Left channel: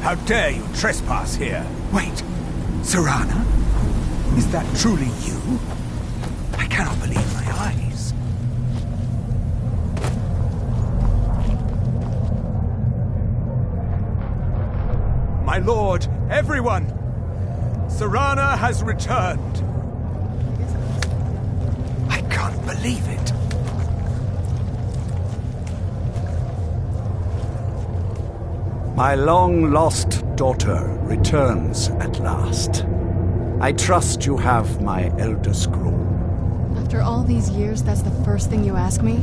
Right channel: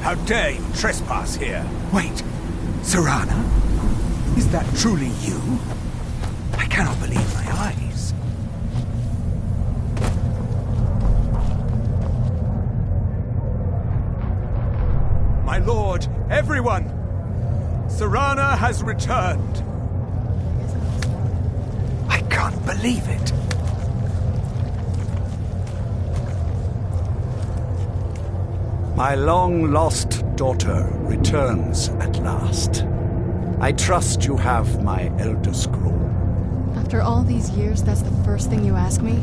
How dare you trespass here? Wait, Serana? Is that truly you? I cannot believe my eyes. My lord, everyone! Serana has returned! I can't believe it. My long-lost daughter returns at last. I trust you have my Elder Scroll. After all these years, that's the first thing you ask me?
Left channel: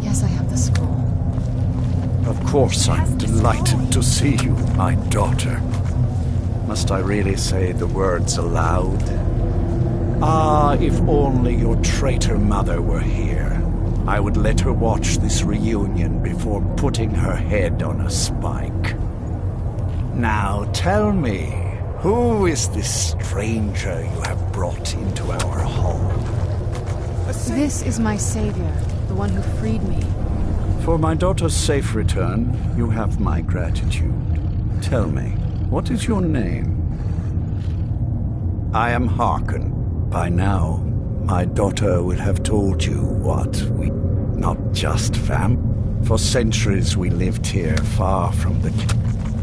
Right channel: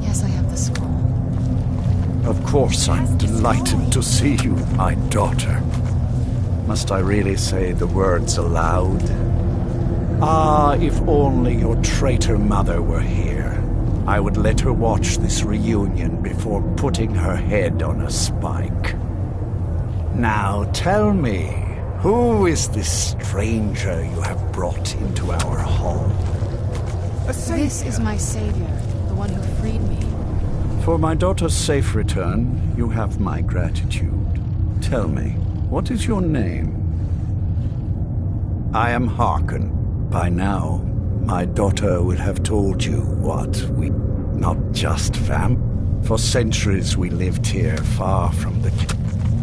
Yes, I have the scroll. Of course, I'm delighted to see you, my daughter. Must I really say the words aloud? Ah, if only your traitor mother were here. I would let her watch this reunion before putting her head on a spike. Now tell me, who is this stranger you have brought into our hall? This is my savior, the one who freed me. For my daughter's safe return, you have my gratitude. Tell me, what is your name? I am Harkon. By now, my daughter will have told you what we... not just fam. For centuries we lived here, far from the...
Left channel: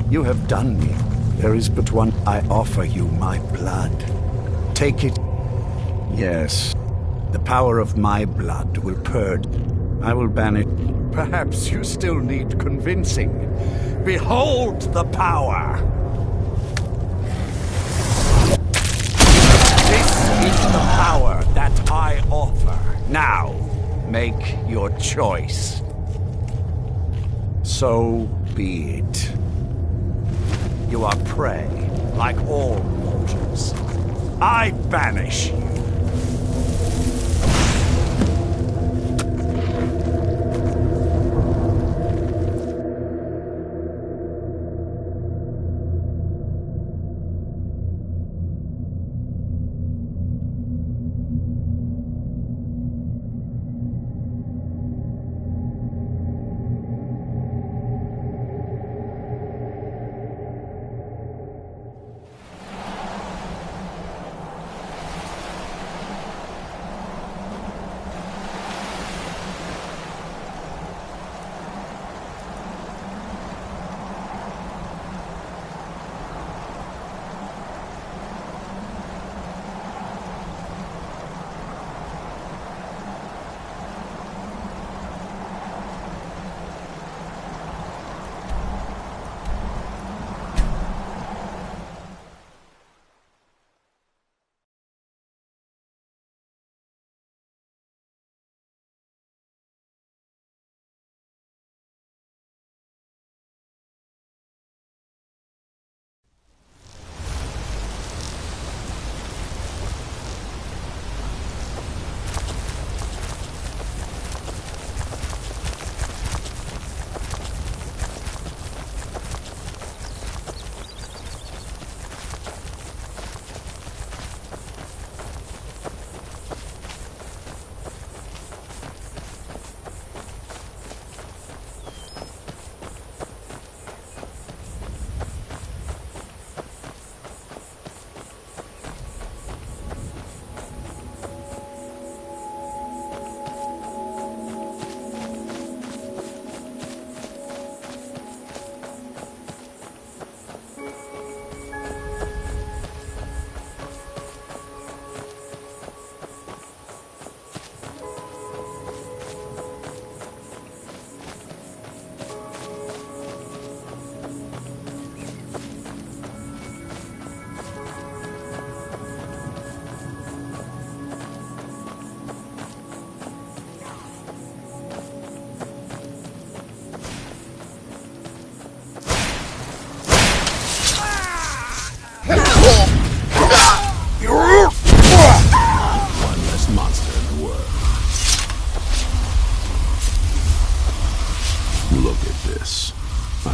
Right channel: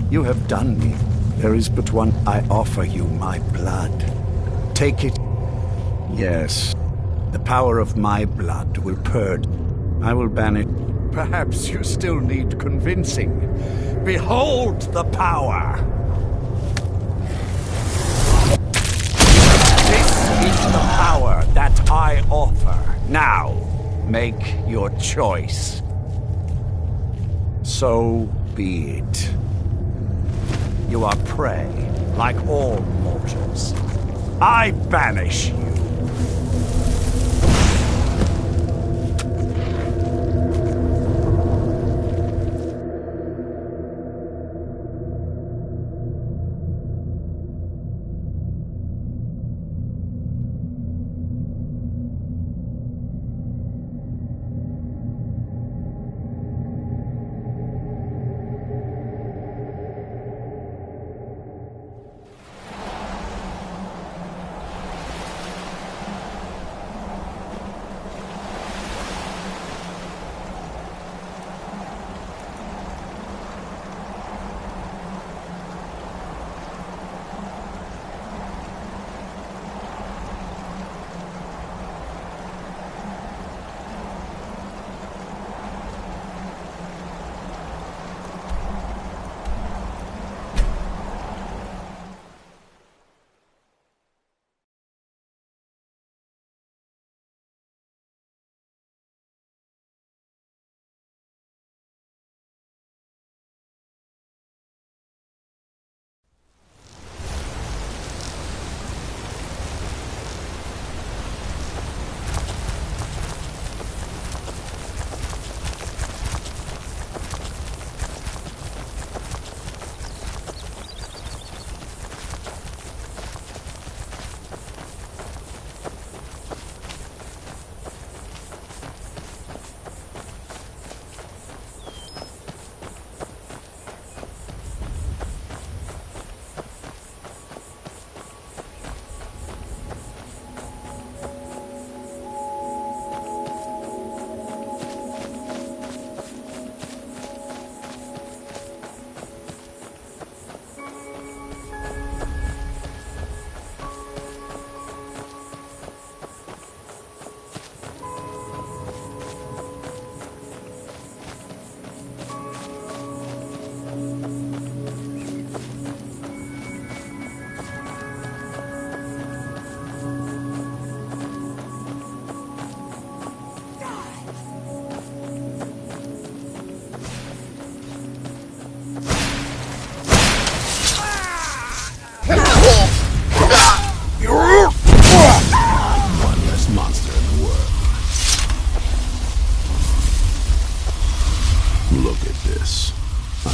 You have done me. There is but one. I offer you my blood. Take it. Yes, the power of my blood will purge. I will ban it. Perhaps you still need convincing. Behold the power! This is the power that I offer. Now, make your choice. So be it. You are prey, like all mortals. I banish you.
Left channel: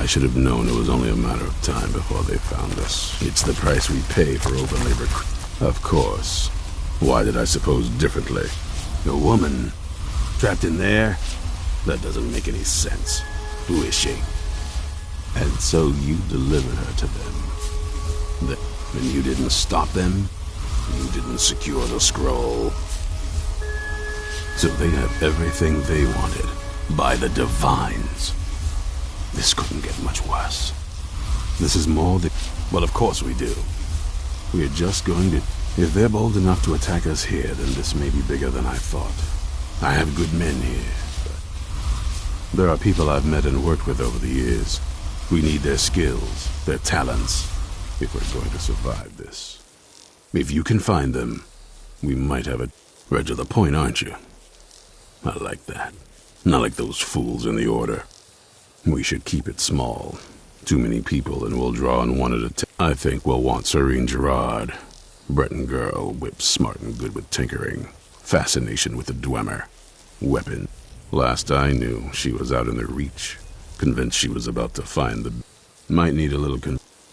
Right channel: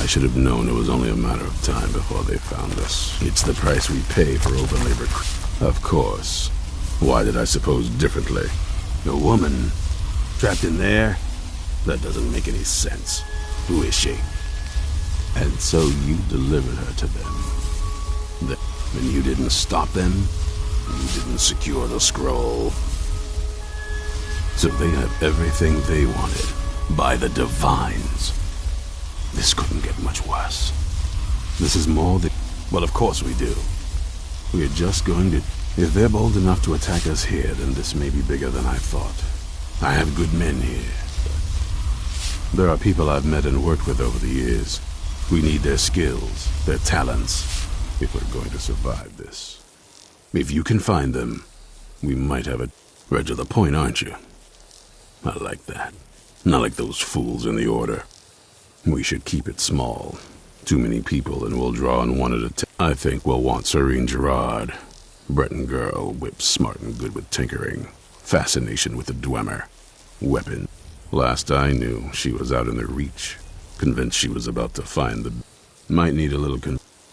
Should have known it was only a matter of time before they found us. It's the price we pay for overlabor. Of course. Why did I suppose differently? A woman trapped in there? That doesn't make any sense. Who is she? And so you delivered her to them. And you didn't stop them? You didn't secure the scroll? So they have everything they wanted, by the Divines. This couldn't get much worse. This is more than... Well, of course we do. We're just going to... If they're bold enough to attack us here, then this may be bigger than I thought. I have good men here, but there are people I've met and worked with over the years. We need their skills, their talents, if we're going to survive this. If you can find them, we might have a... Right to the point, aren't you? I like that. Not like those fools in the Order. We should keep it small. Too many people and we'll draw on one at a time. I think we'll want Serene Gerard. Breton girl, whip smart and good with tinkering. Fascination with the Dwemer. Weapon. Last I knew, she was out in the Reach. Convinced she was about to find the... Might need a little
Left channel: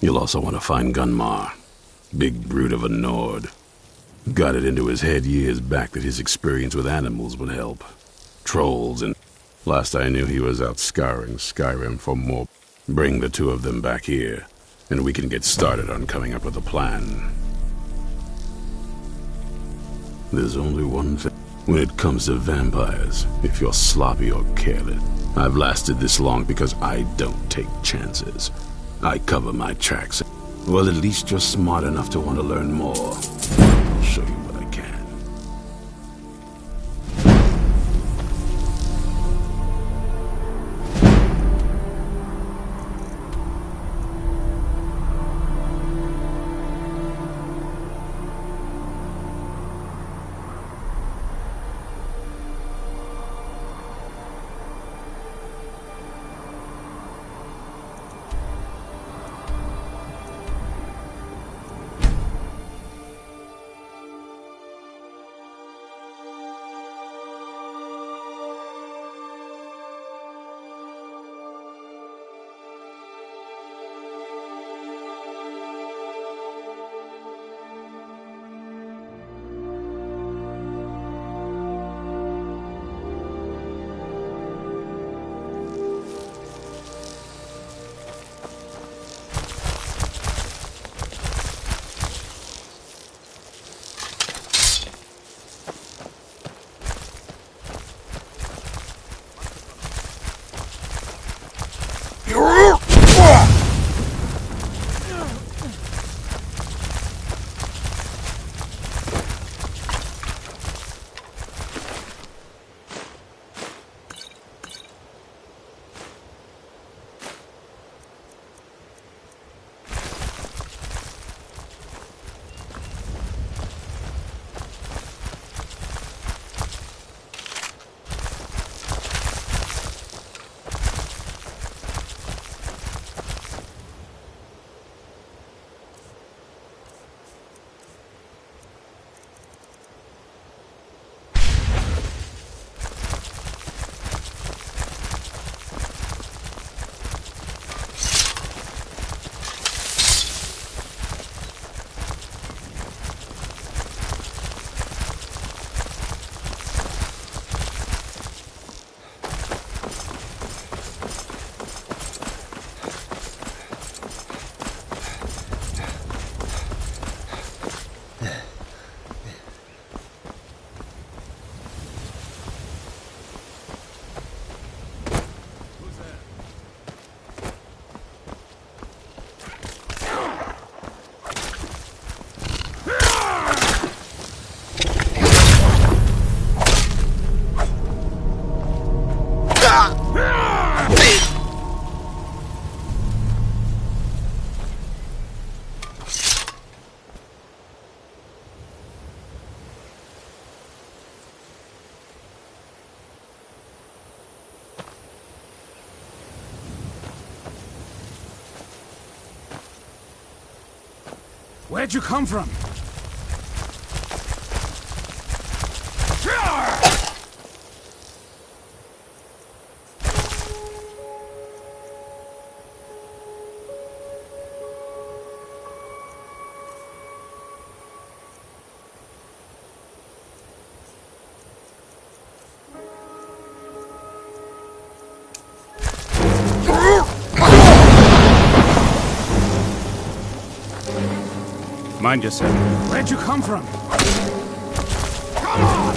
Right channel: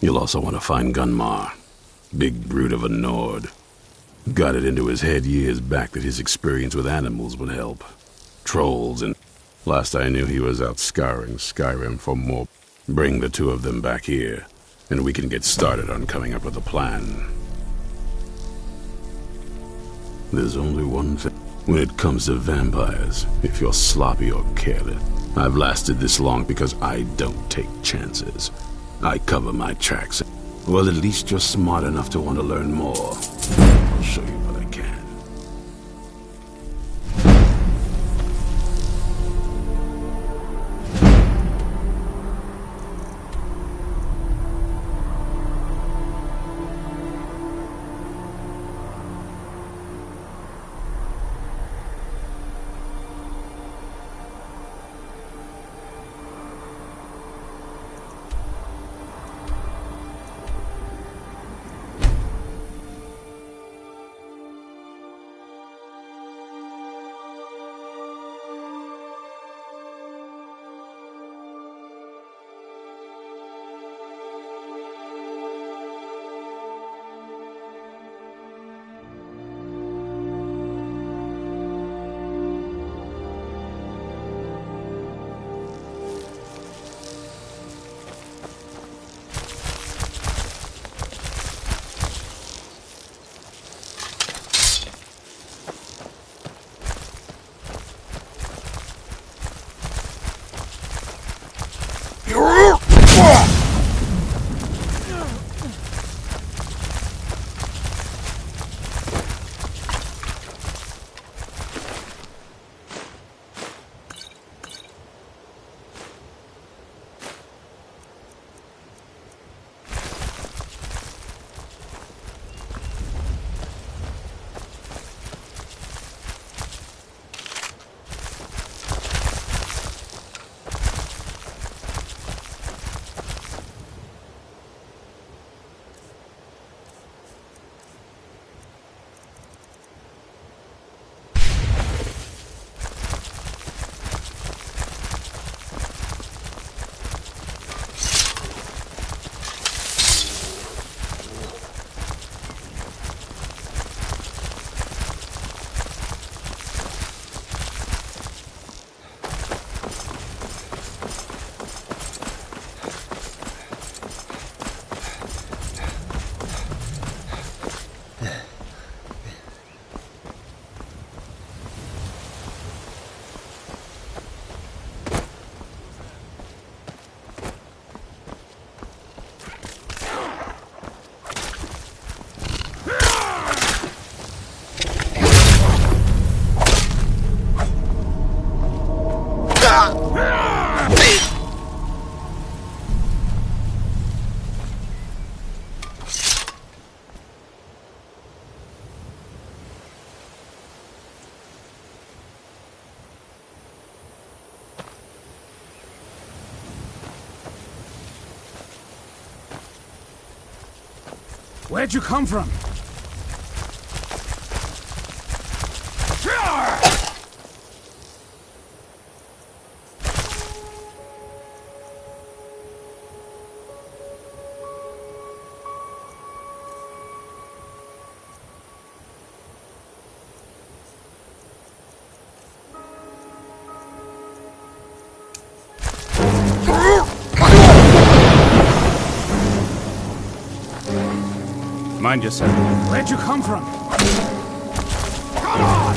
You'll also want to find Gunmar. Big brute of a Nord. Got it into his head years back that his experience with animals would help. Trolls and... Last I knew he was out scouring Skyrim for more. Bring the two of them back here, and we can get started on coming up with a plan. There's only one thing. When it comes to vampires, if you're sloppy or careless, I've lasted this long because I don't take chances. I cover my tracks. Well, at least you're smart enough to want to learn more. I'll show you what I can. Where'd you come from? Mind yourself. Where'd you come from? Come on!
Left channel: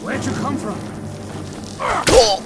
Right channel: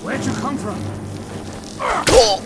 Where'd you come from? Come on!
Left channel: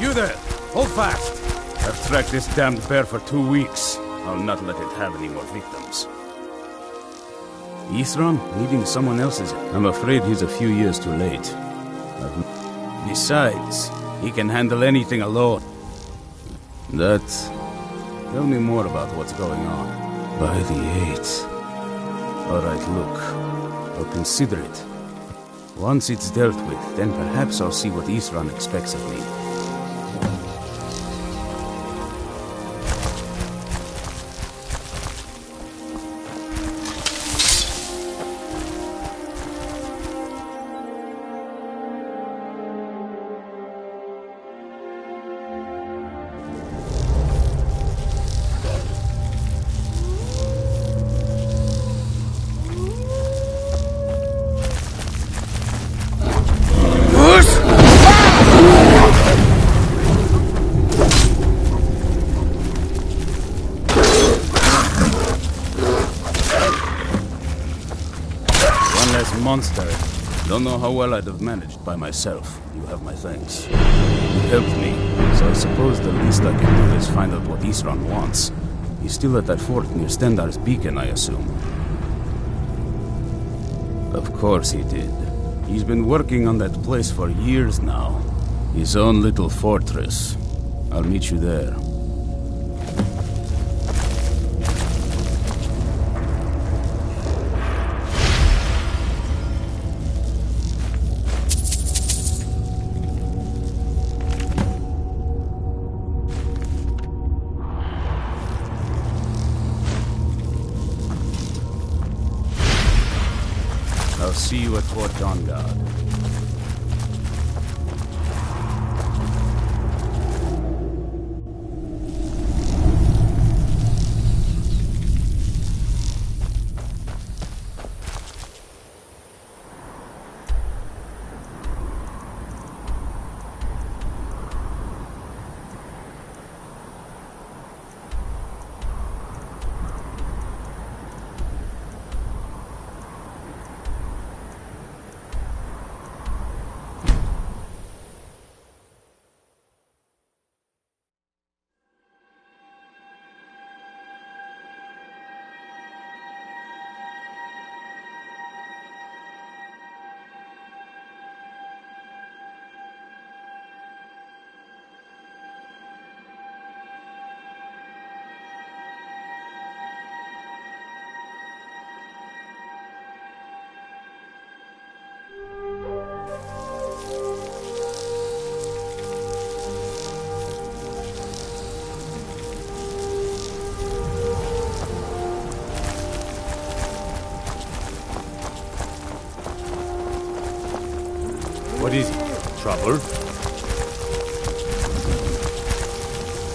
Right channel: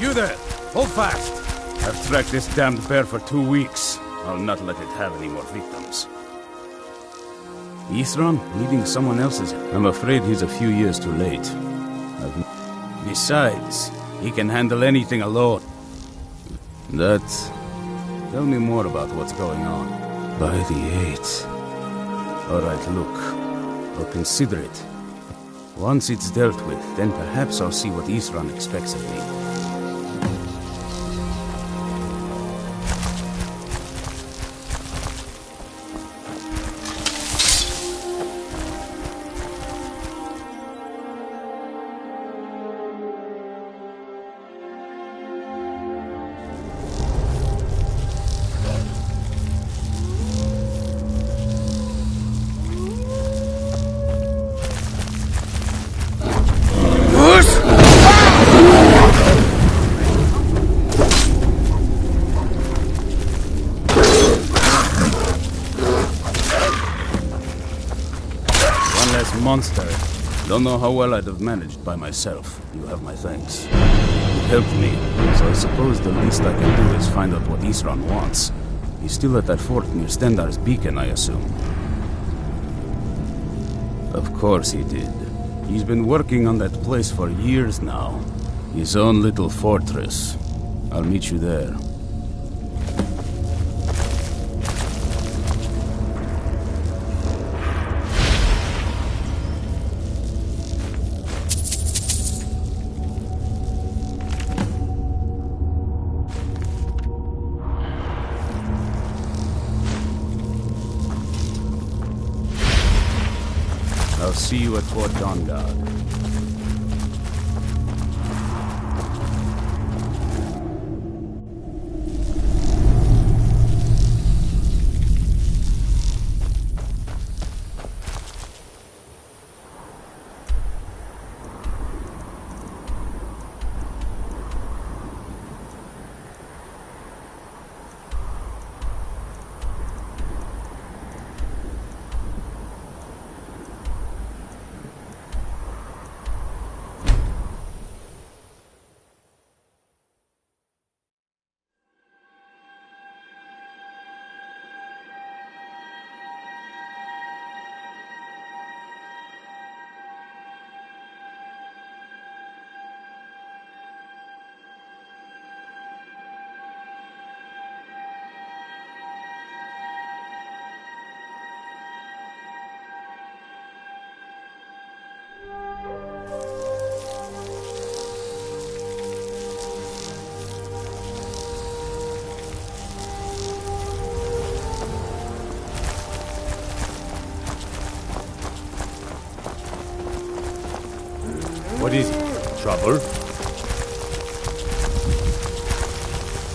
You there! Hold fast! I've tracked this damned bear for 2 weeks. I'll not let it have any more victims. Ithron needing someone else's... I'm afraid he's a few years too late. Besides, he can handle anything alone. Tell me more about what's going on. By the 8th. Alright, look. I'll consider it. Once it's dealt with, then perhaps I'll see what Ithron expects of me. this monster. Don't know how well I'd have managed by myself. You have my thanks. You helped me, so I suppose the least I can do is find out what Isran wants. He's still at that fort near Stendar's beacon, I assume. Of course he did. He's been working on that place for years now. His own little fortress. I'll meet you there. I'll see you at Fort Dawnguard. What is it? Trouble?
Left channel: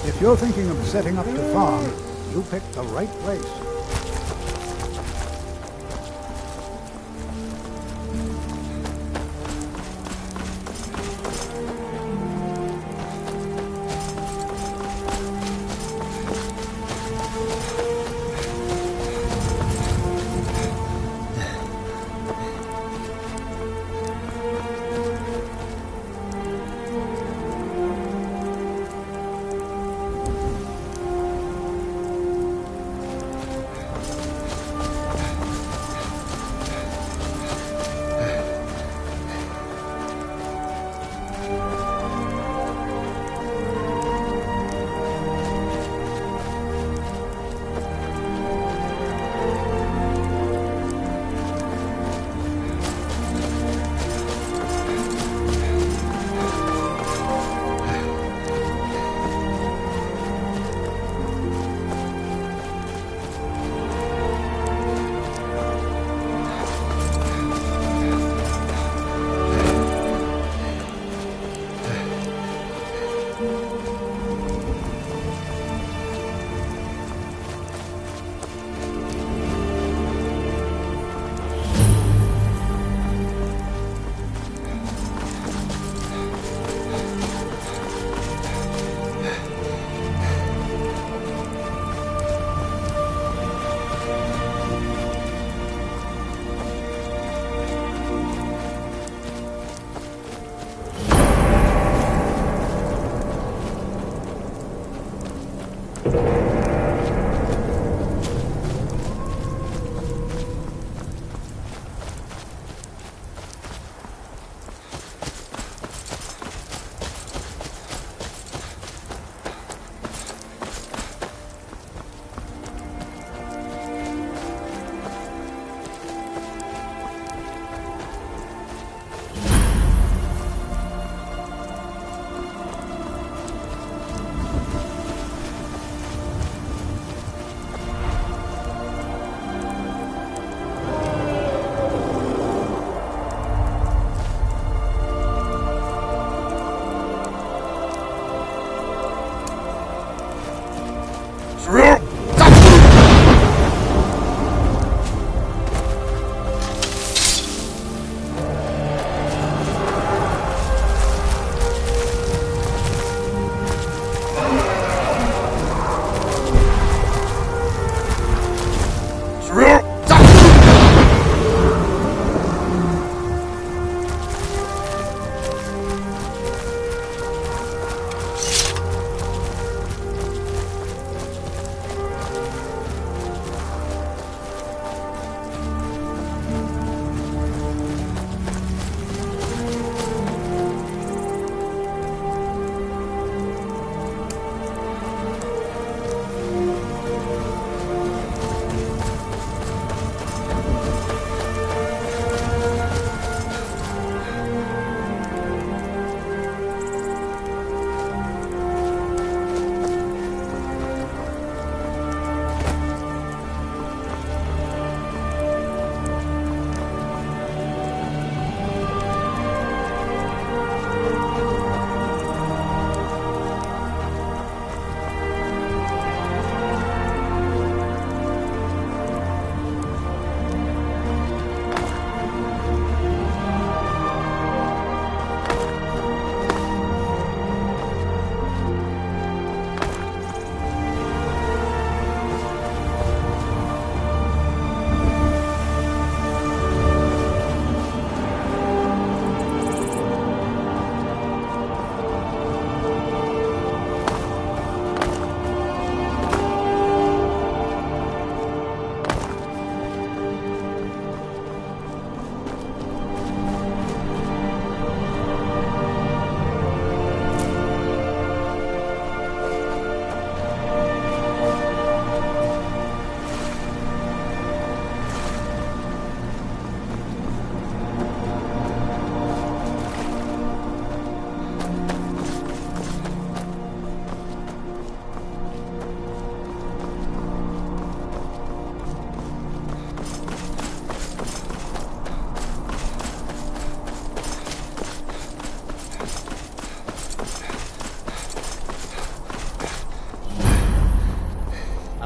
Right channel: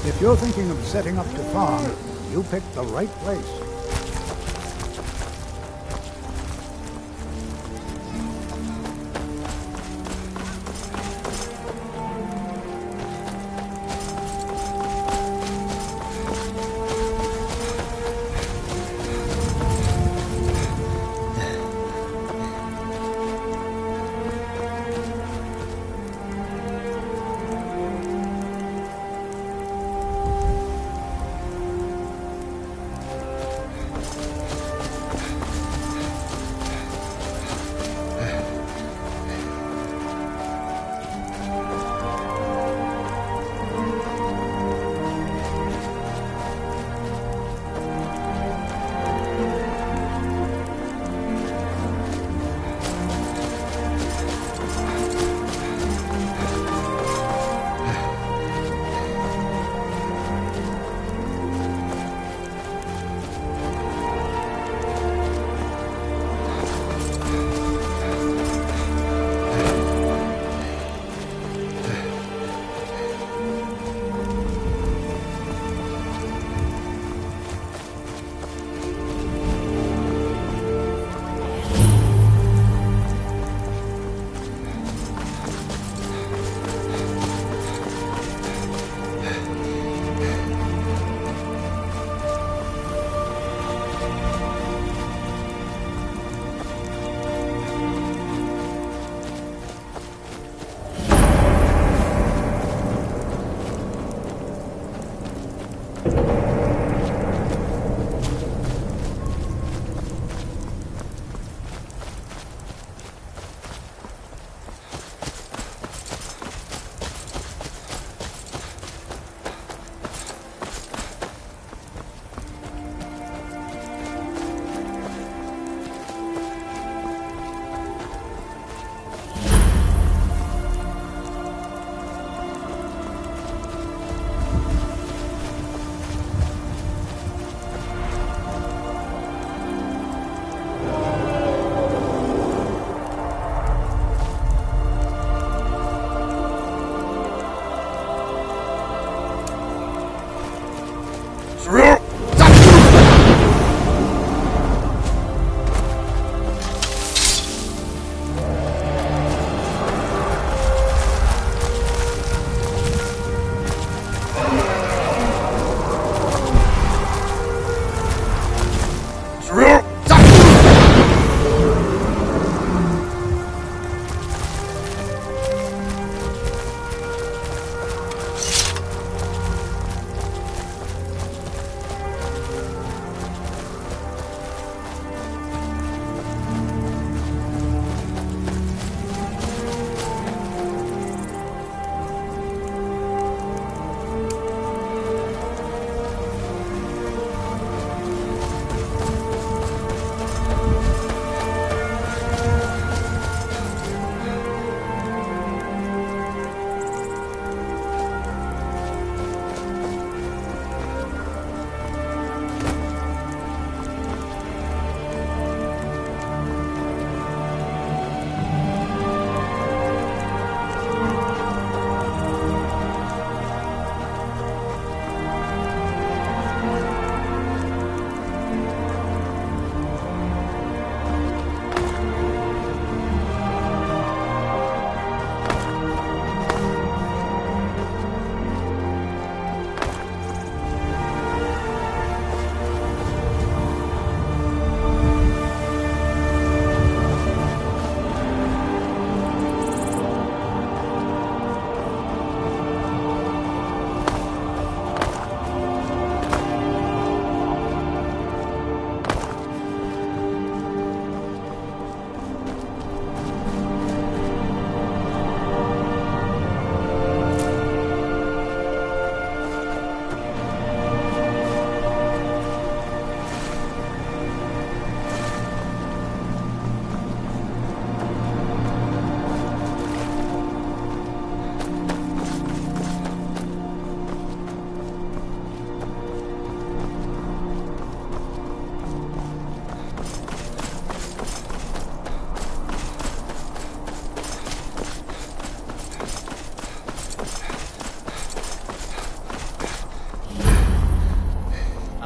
If you're thinking of setting up to farm, you picked the right place.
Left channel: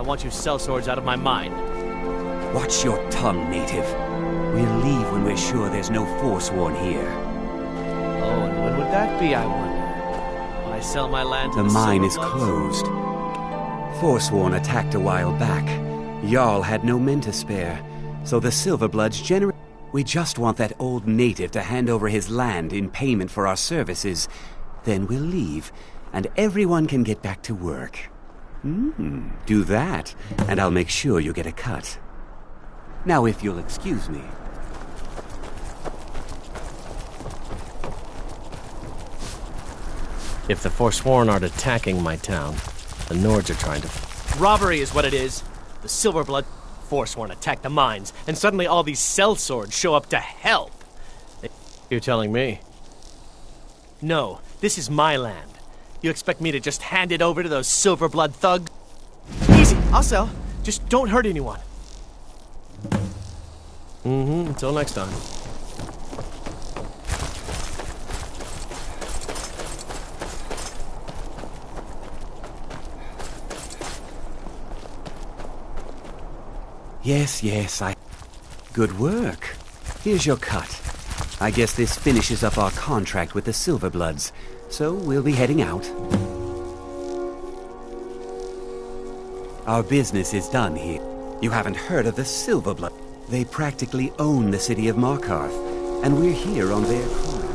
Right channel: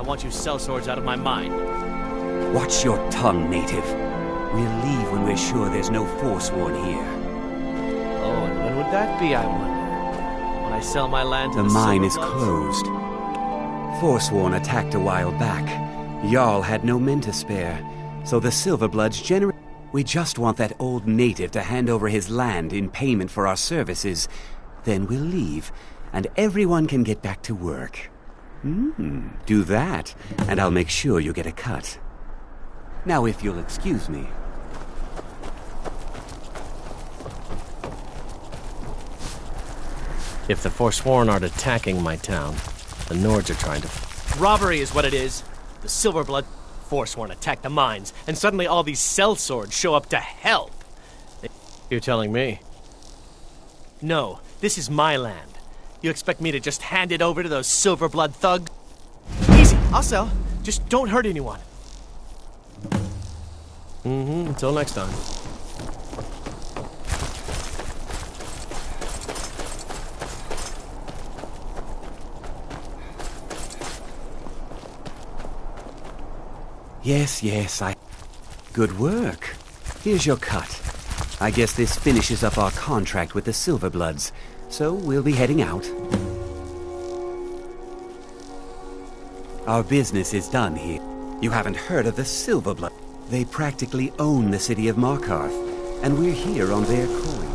I want you sellswords out of my mind. Watch your tongue, native. We'll leave when we're sure there's no Forsworn here. Oh, and when would that be, I wonder? When I sell my land to The mine is Silverbloods? closed. Forsworn attacked a while back. Jarl had no men to spare, so the Silverbloods generate. We just want that old native to hand over his land in payment for our services. Then we'll leave, and everyone can get back to work. Do that, and I'll make sure you get a cut. Now, if you'll excuse me. If the Forsworn aren't attacking my town, the Nords are trying to... Robbery is what it is! The Silverblood Forsworn attacked the mines, and suddenly all these sellswords show up to help! You're telling me? No, this is my land. You expect me to just hand it over to those Silverblood thugs? Easy, I'll sell. Just don't hurt anyone. Until next time. Yes, Good work. Here's your cut. I guess this finishes up our contract with the Silverbloods, so we'll be heading out. Our business is done here. You haven't heard of the Silverblood. They practically own the city of Markarth, and we're here on their coin.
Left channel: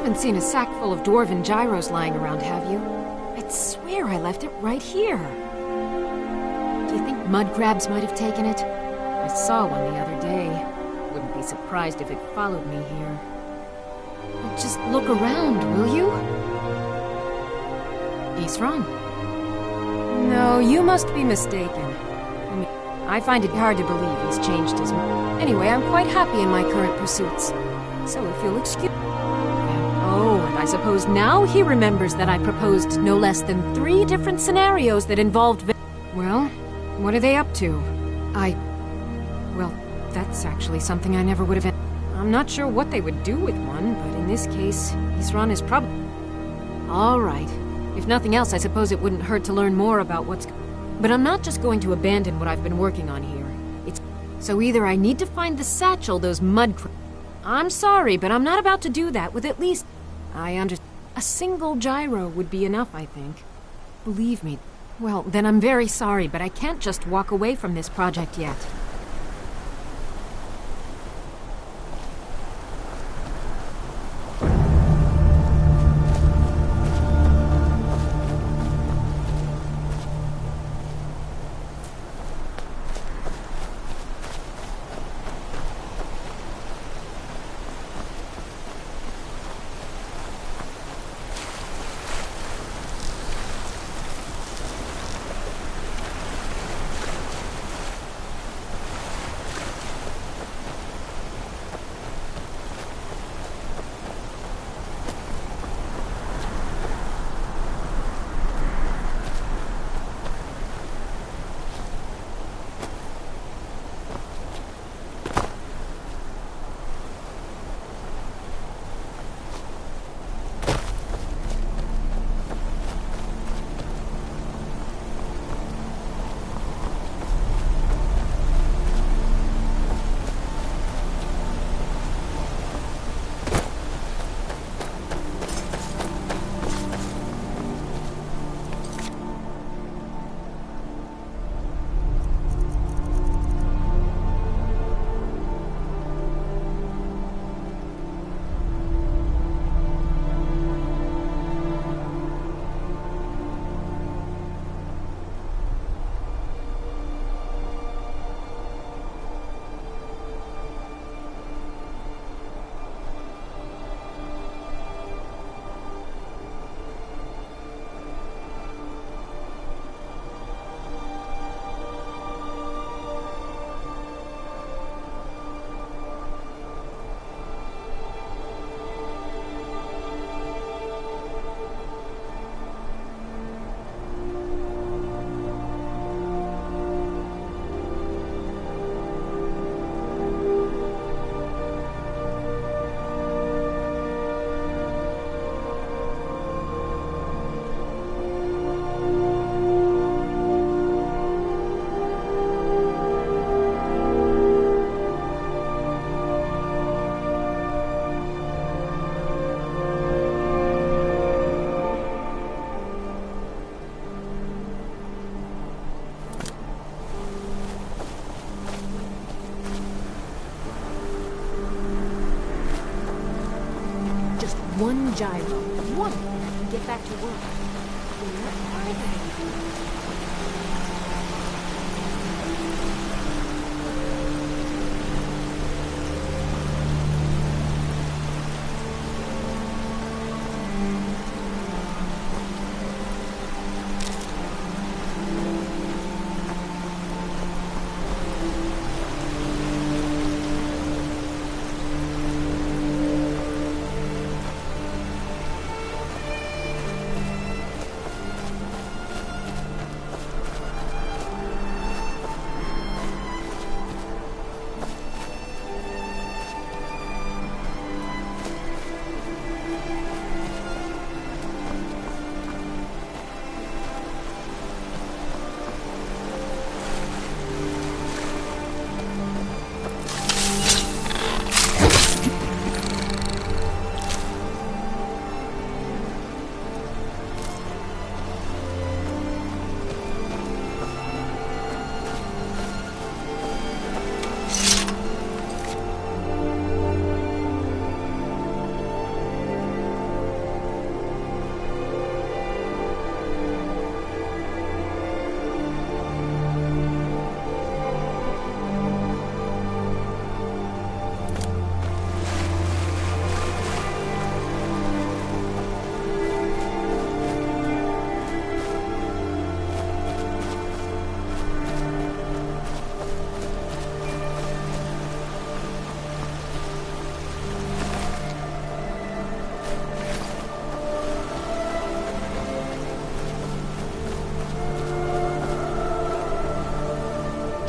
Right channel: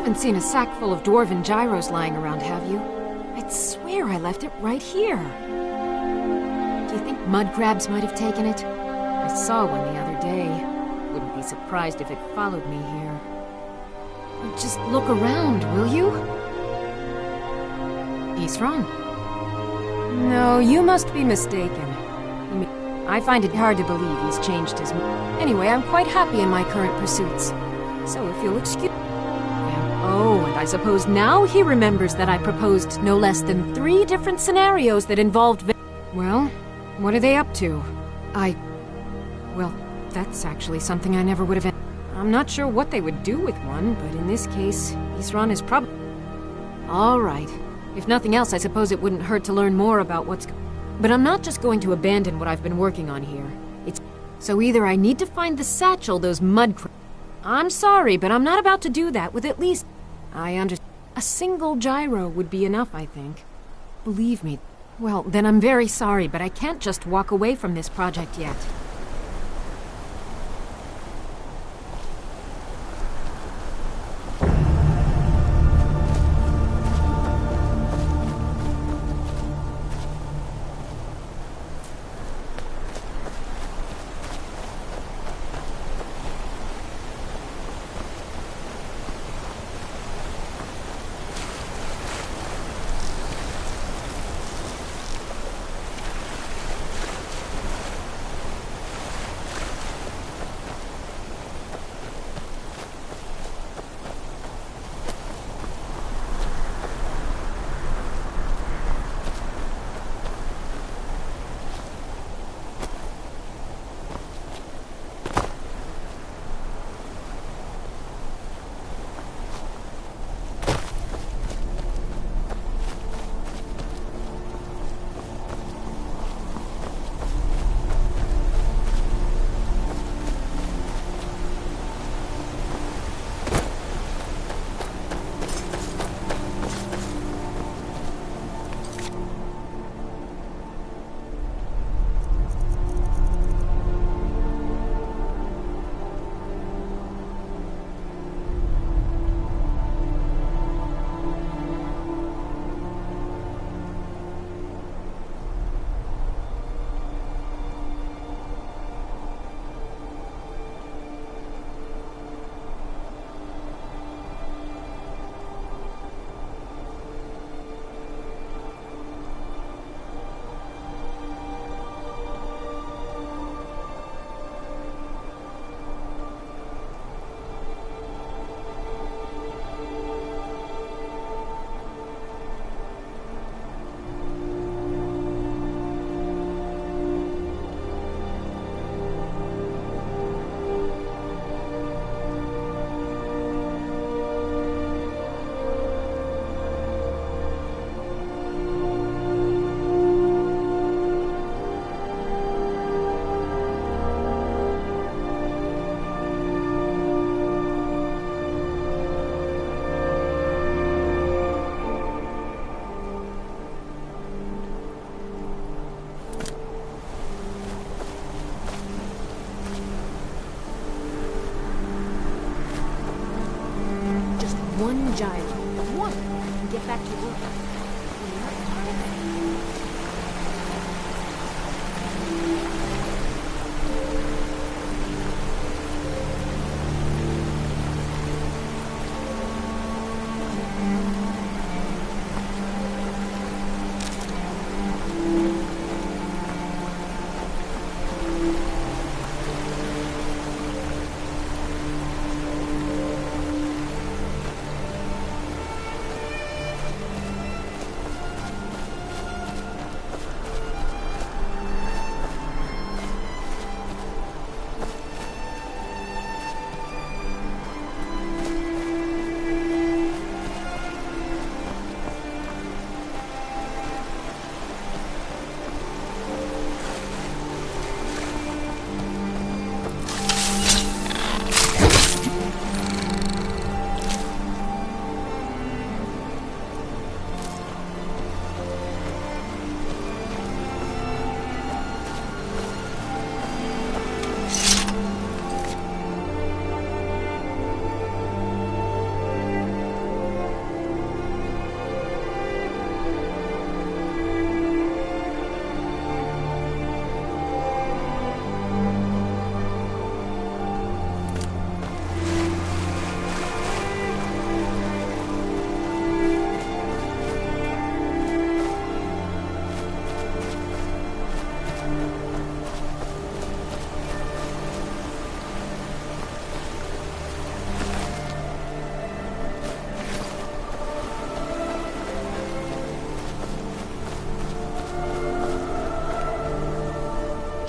haven't seen a sack full of dwarven gyros lying around, have you? I'd swear I left it right here. Do you think mud crabs might have taken it? I saw one the other day. Wouldn't be surprised if it followed me here. Just look around, will you? Isran? No, you must be mistaken. I find it hard to believe he's changed his mind. Anyway, I'm quite happy in my current pursuits. So if you'll excuse... Oh, and I suppose now he remembers that I proposed no less than 3 different scenarios that involved... Well, what are they up to? Well, that's actually something I never would have... I'm not sure what they would do with one, but in this case, Isran is probably... All right. If nothing else, I suppose it wouldn't hurt to learn more about what's... But I'm not just going to abandon what I've been working on here. So either I need to find the satchel those mud... I'm sorry, but I'm not about to do that with at least... I understand. A single gyro would be enough, I think. Believe me. Well, then I'm very sorry, but I can't just walk away from this project yet. One gyro. One, and I can get back to work. Where are they?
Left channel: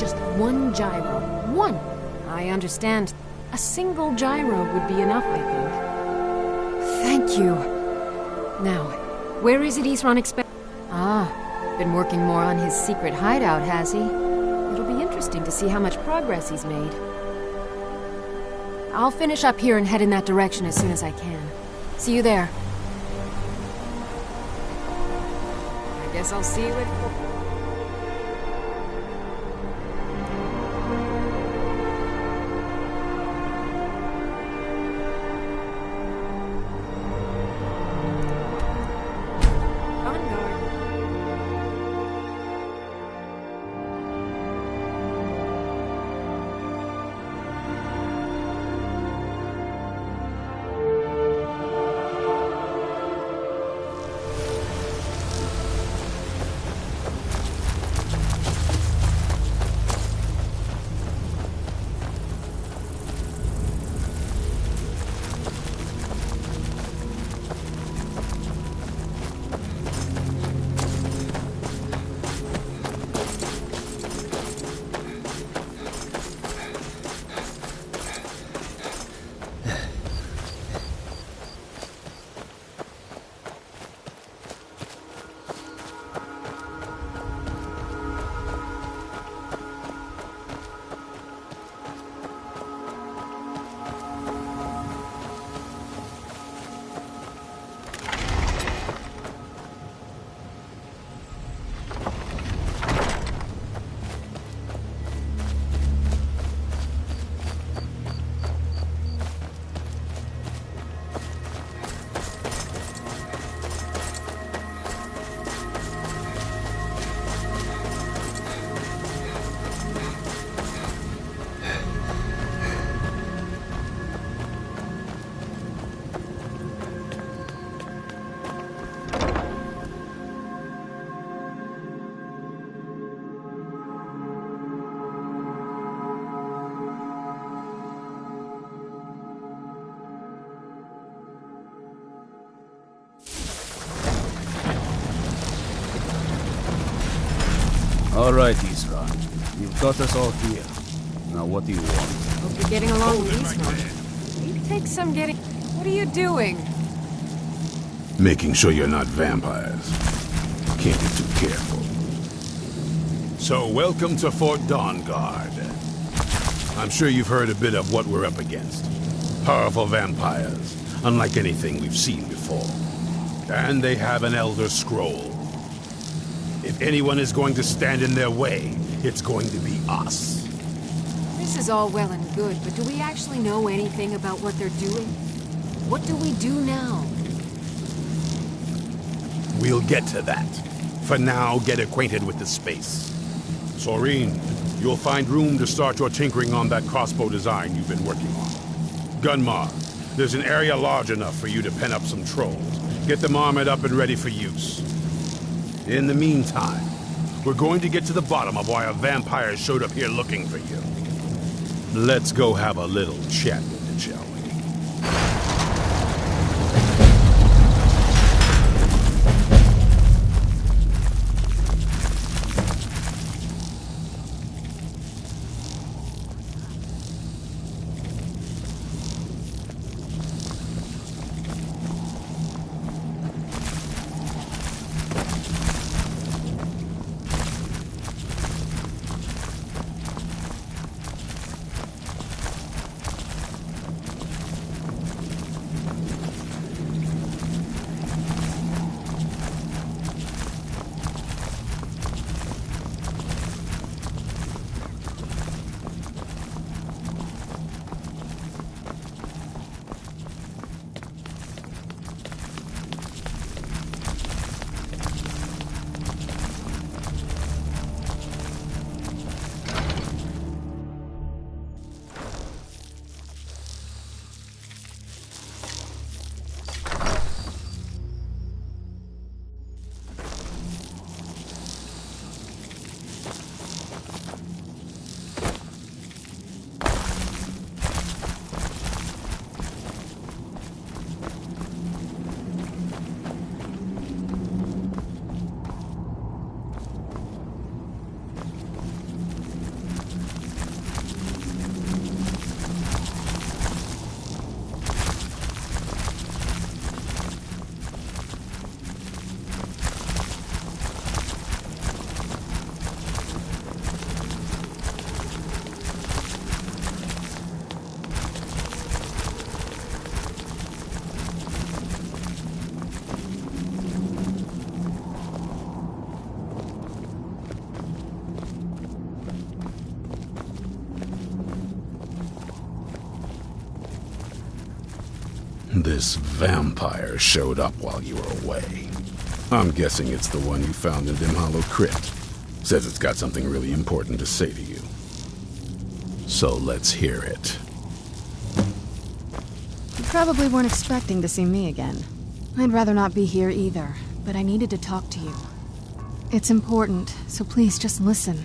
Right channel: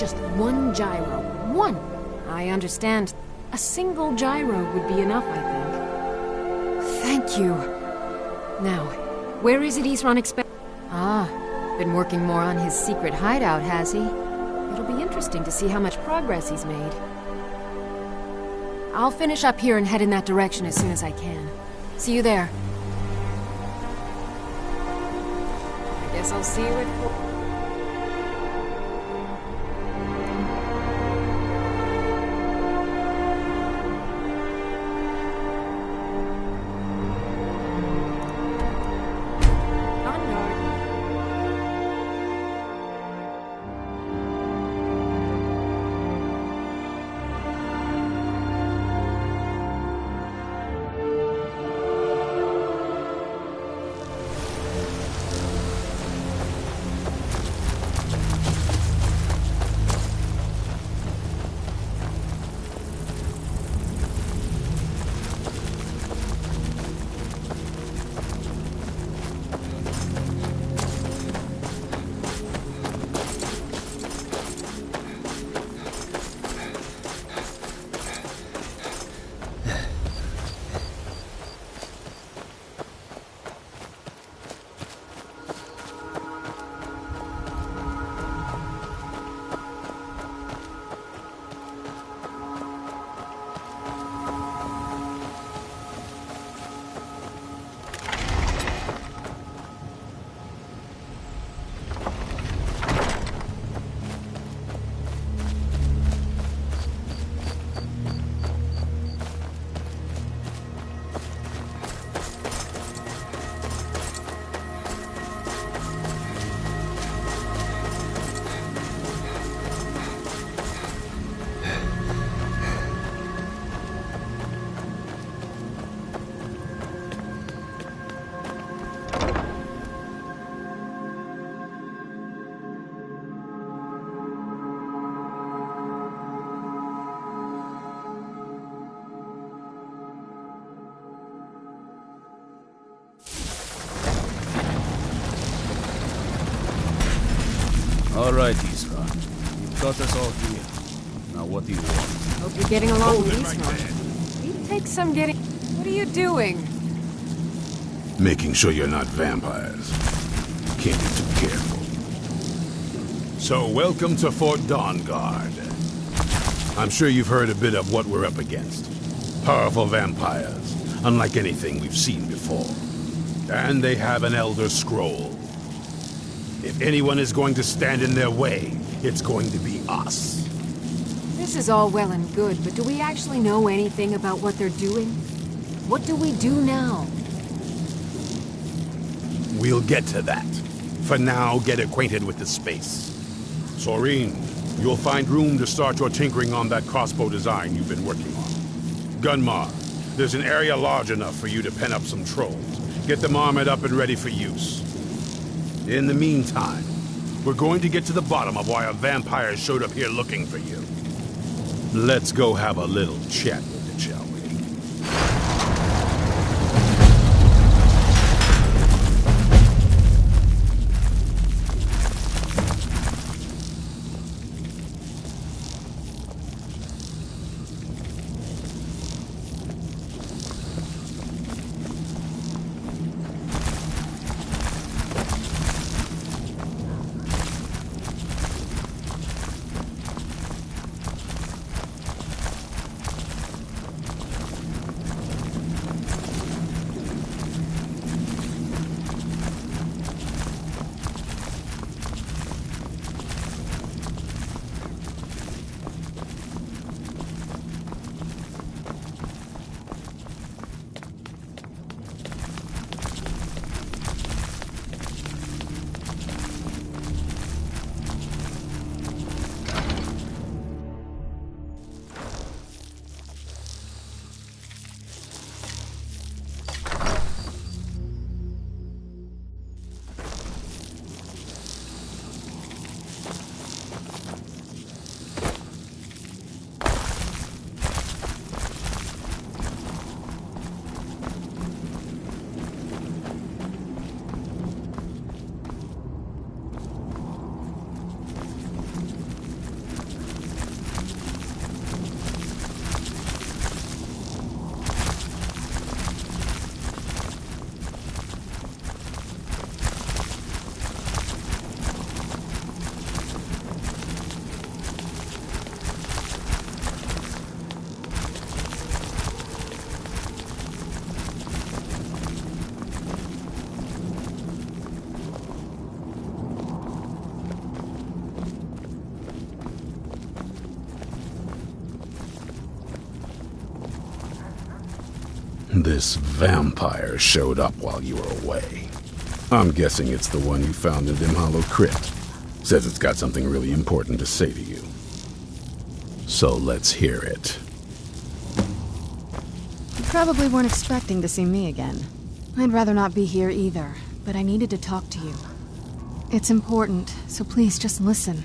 Just one gyro. One! I understand. A single gyro would be enough, I think. Thank you. Now, where is it Isran expect? Ah, been working more on his secret hideout, has he? It'll be interesting to see how much progress he's made. I'll finish up here and head in that direction as soon as I can. See you there. I guess I'll see you at 4. On guard. All right, Isran. You've got us all here. Now what do you want? Hope you're getting along with Isran. He takes some getting... What are you doing? Making sure you're not vampires. Can't be too careful. So, welcome to Fort Dawnguard. I'm sure you've heard a bit of what we're up against. Powerful vampires, unlike anything we've seen before. And they have an Elder Scroll. If anyone is going to stand in their way, it's going to be us. This is all well and good, but do we actually know anything about what they're doing? What do we do now? We'll get to that. For now, get acquainted with the space. Soreen, you'll find room to start your tinkering on that crossbow design you've been working on. Gunmar, there's an area large enough for you to pen up some trolls. Get them armored up and ready for use. In the meantime, we're going to get to the bottom of why a vampire showed up here looking for you. Let's go have a little chat with it, shall we? This vampire showed up while you were away. I'm guessing it's the one you found in Dim Hollow Crypt. Says it's got something really important to say to you. So let's hear it. You probably weren't expecting to see me again. I'd rather not be here either, but I needed to talk to you. It's important, so please just listen.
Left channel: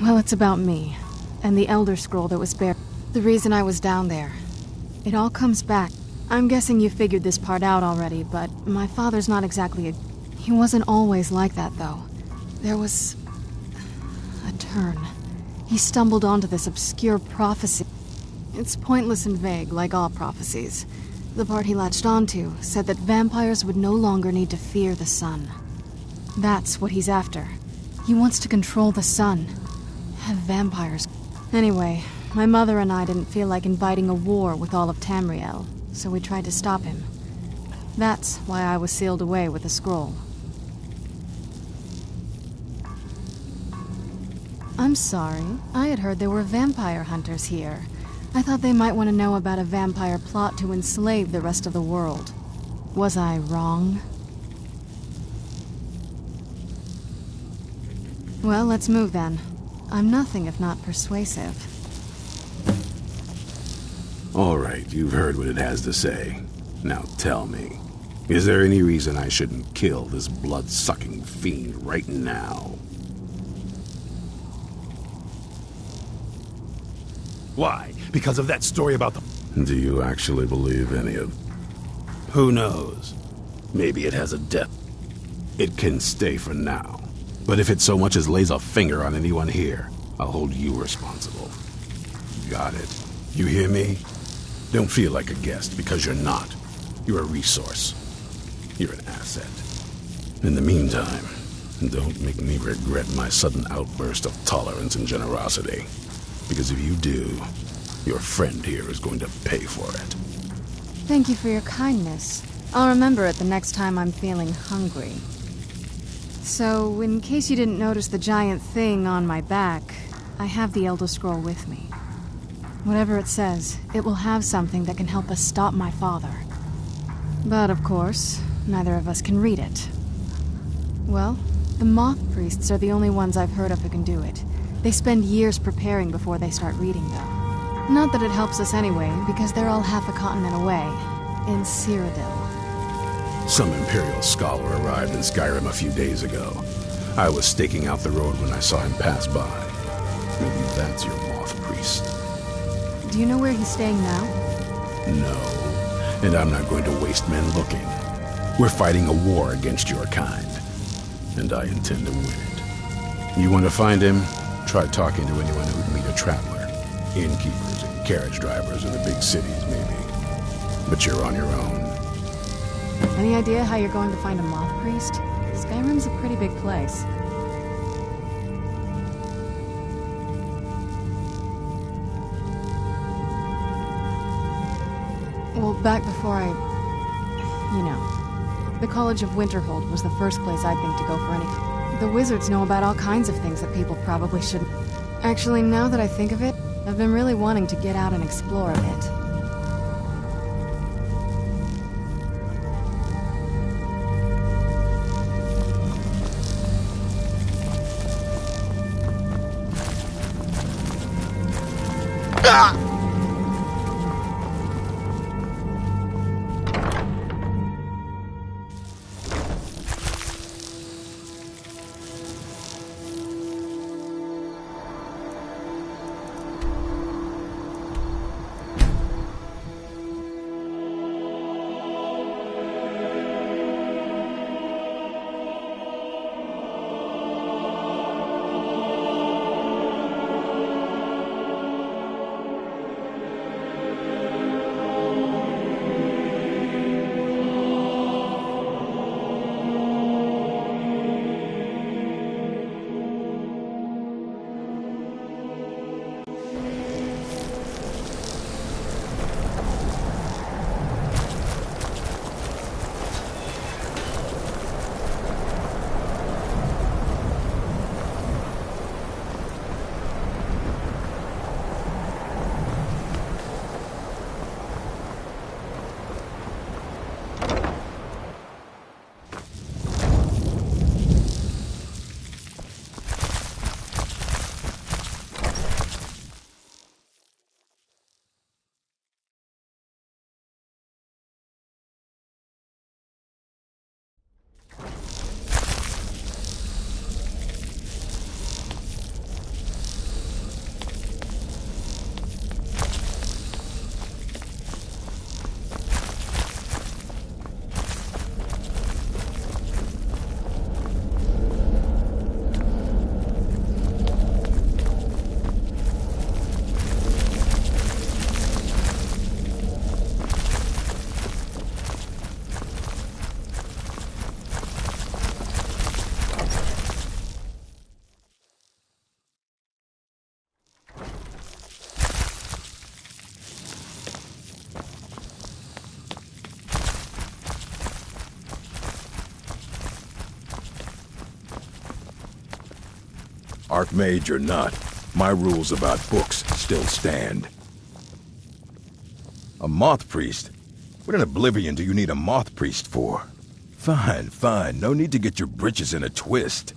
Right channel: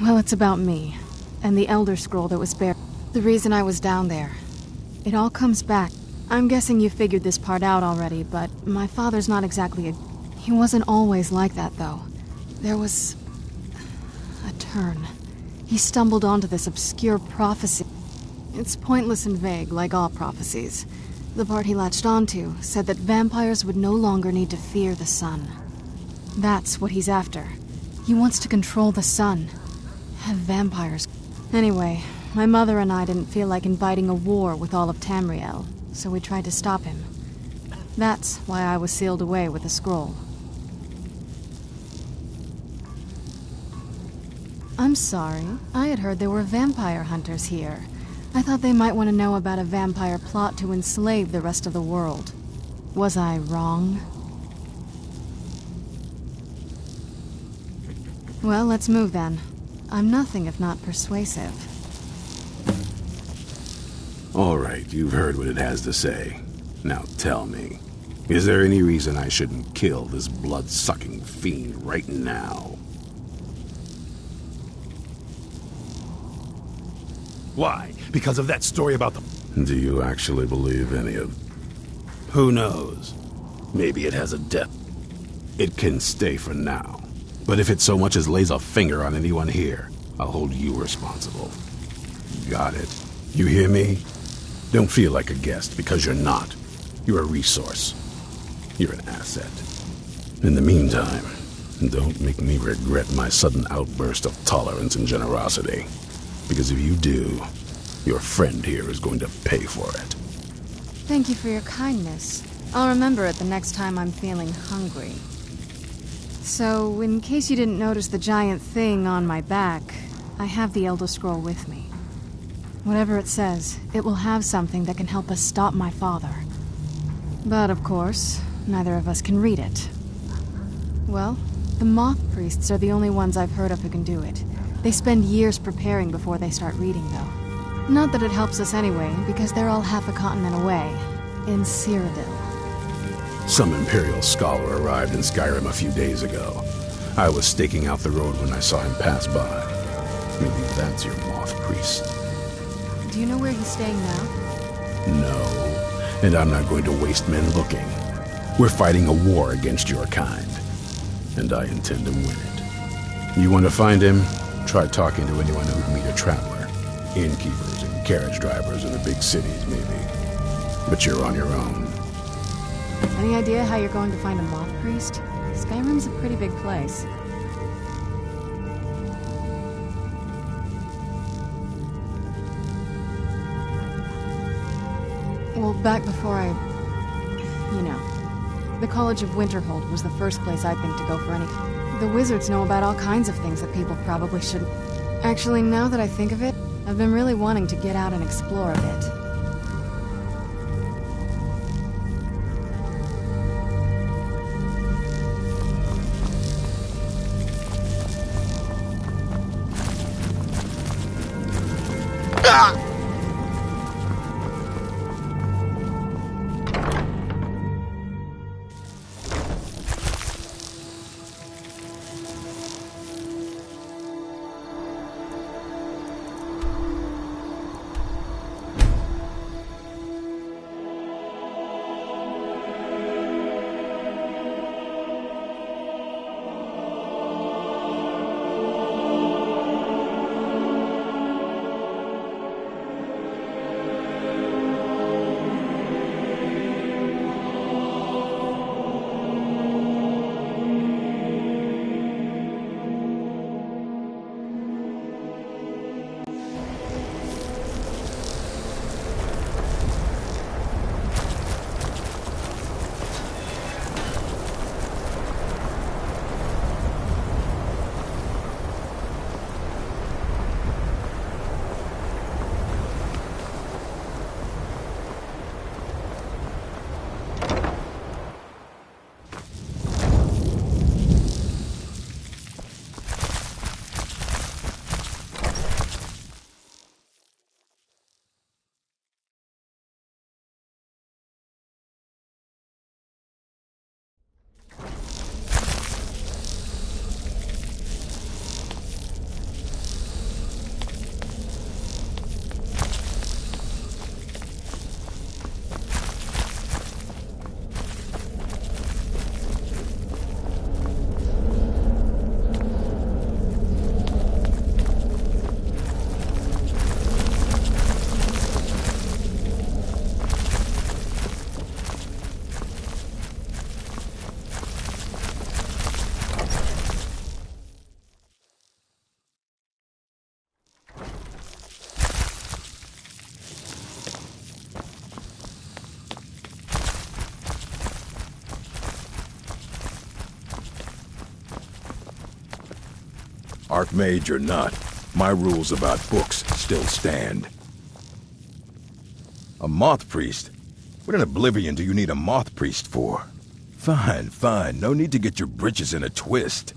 Well, it's about me, and the Elder Scroll that was buried. The reason I was down there. It all comes back. I'm guessing you figured this part out already, but my father's not exactly a... He wasn't always like that, though. There was... a turn. He stumbled onto this obscure prophecy. It's pointless and vague, like all prophecies. The part he latched onto said that vampires would no longer need to fear the sun. That's what he's after. He wants to control the sun. Have vampires. Anyway, my mother and I didn't feel like inviting a war with all of Tamriel, so we tried to stop him. That's why I was sealed away with the scroll. I'm sorry. I had heard there were vampire hunters here. I thought they might want to know about a vampire plot to enslave the rest of the world. Was I wrong? Well, let's move then. I'm nothing if not persuasive. All right, you've heard what it has to say. Now tell me, is there any reason I shouldn't kill this blood-sucking fiend right now? Why? Because of that story about the... Do you actually believe any of... Who knows? Maybe it has a depth. It can stay for now. But if it so much as lays a finger on anyone here, I'll hold you responsible. Got it. You hear me? Don't feel like a guest, because you're not. You're a resource. You're an asset. In the meantime, don't make me regret my sudden outburst of tolerance and generosity. Because if you do, your friend here is going to pay for it. Thank you for your kindness. I'll remember it the next time I'm feeling hungry. So, in case you didn't notice the giant thing on my back, I have the Elder Scroll with me. Whatever it says, it will have something that can help us stop my father. But, of course, neither of us can read it. Well, the Moth Priests are the only ones I've heard of who can do it. They spend years preparing before they start reading, though. Not that it helps us anyway, because they're all half a continent away, in Cyrodiil. Some Imperial scholar arrived in Skyrim a few days ago. I was staking out the road when I saw him pass by. Maybe that's your Moth Priest. Do you know where he's staying now? No, and I'm not going to waste men looking. We're fighting a war against your kind, and I intend to win it. You want to find him? Try talking to anyone who'd meet a traveler. Innkeepers and carriage drivers in the big cities, maybe. But you're on your own. Any idea how you're going to find a Moth Priest? Skyrim's a pretty big place. Well, back before you know, the College of Winterhold was the first place I'd think to go for anything. The wizards know about all kinds of things that people probably shouldn't. Actually, now that I think of it, I've been really wanting to get out and explore a bit. Archmage or not, my rules about books still stand. A moth priest? What in Oblivion do you need a moth priest for? Fine, fine. No need to get your britches in a twist.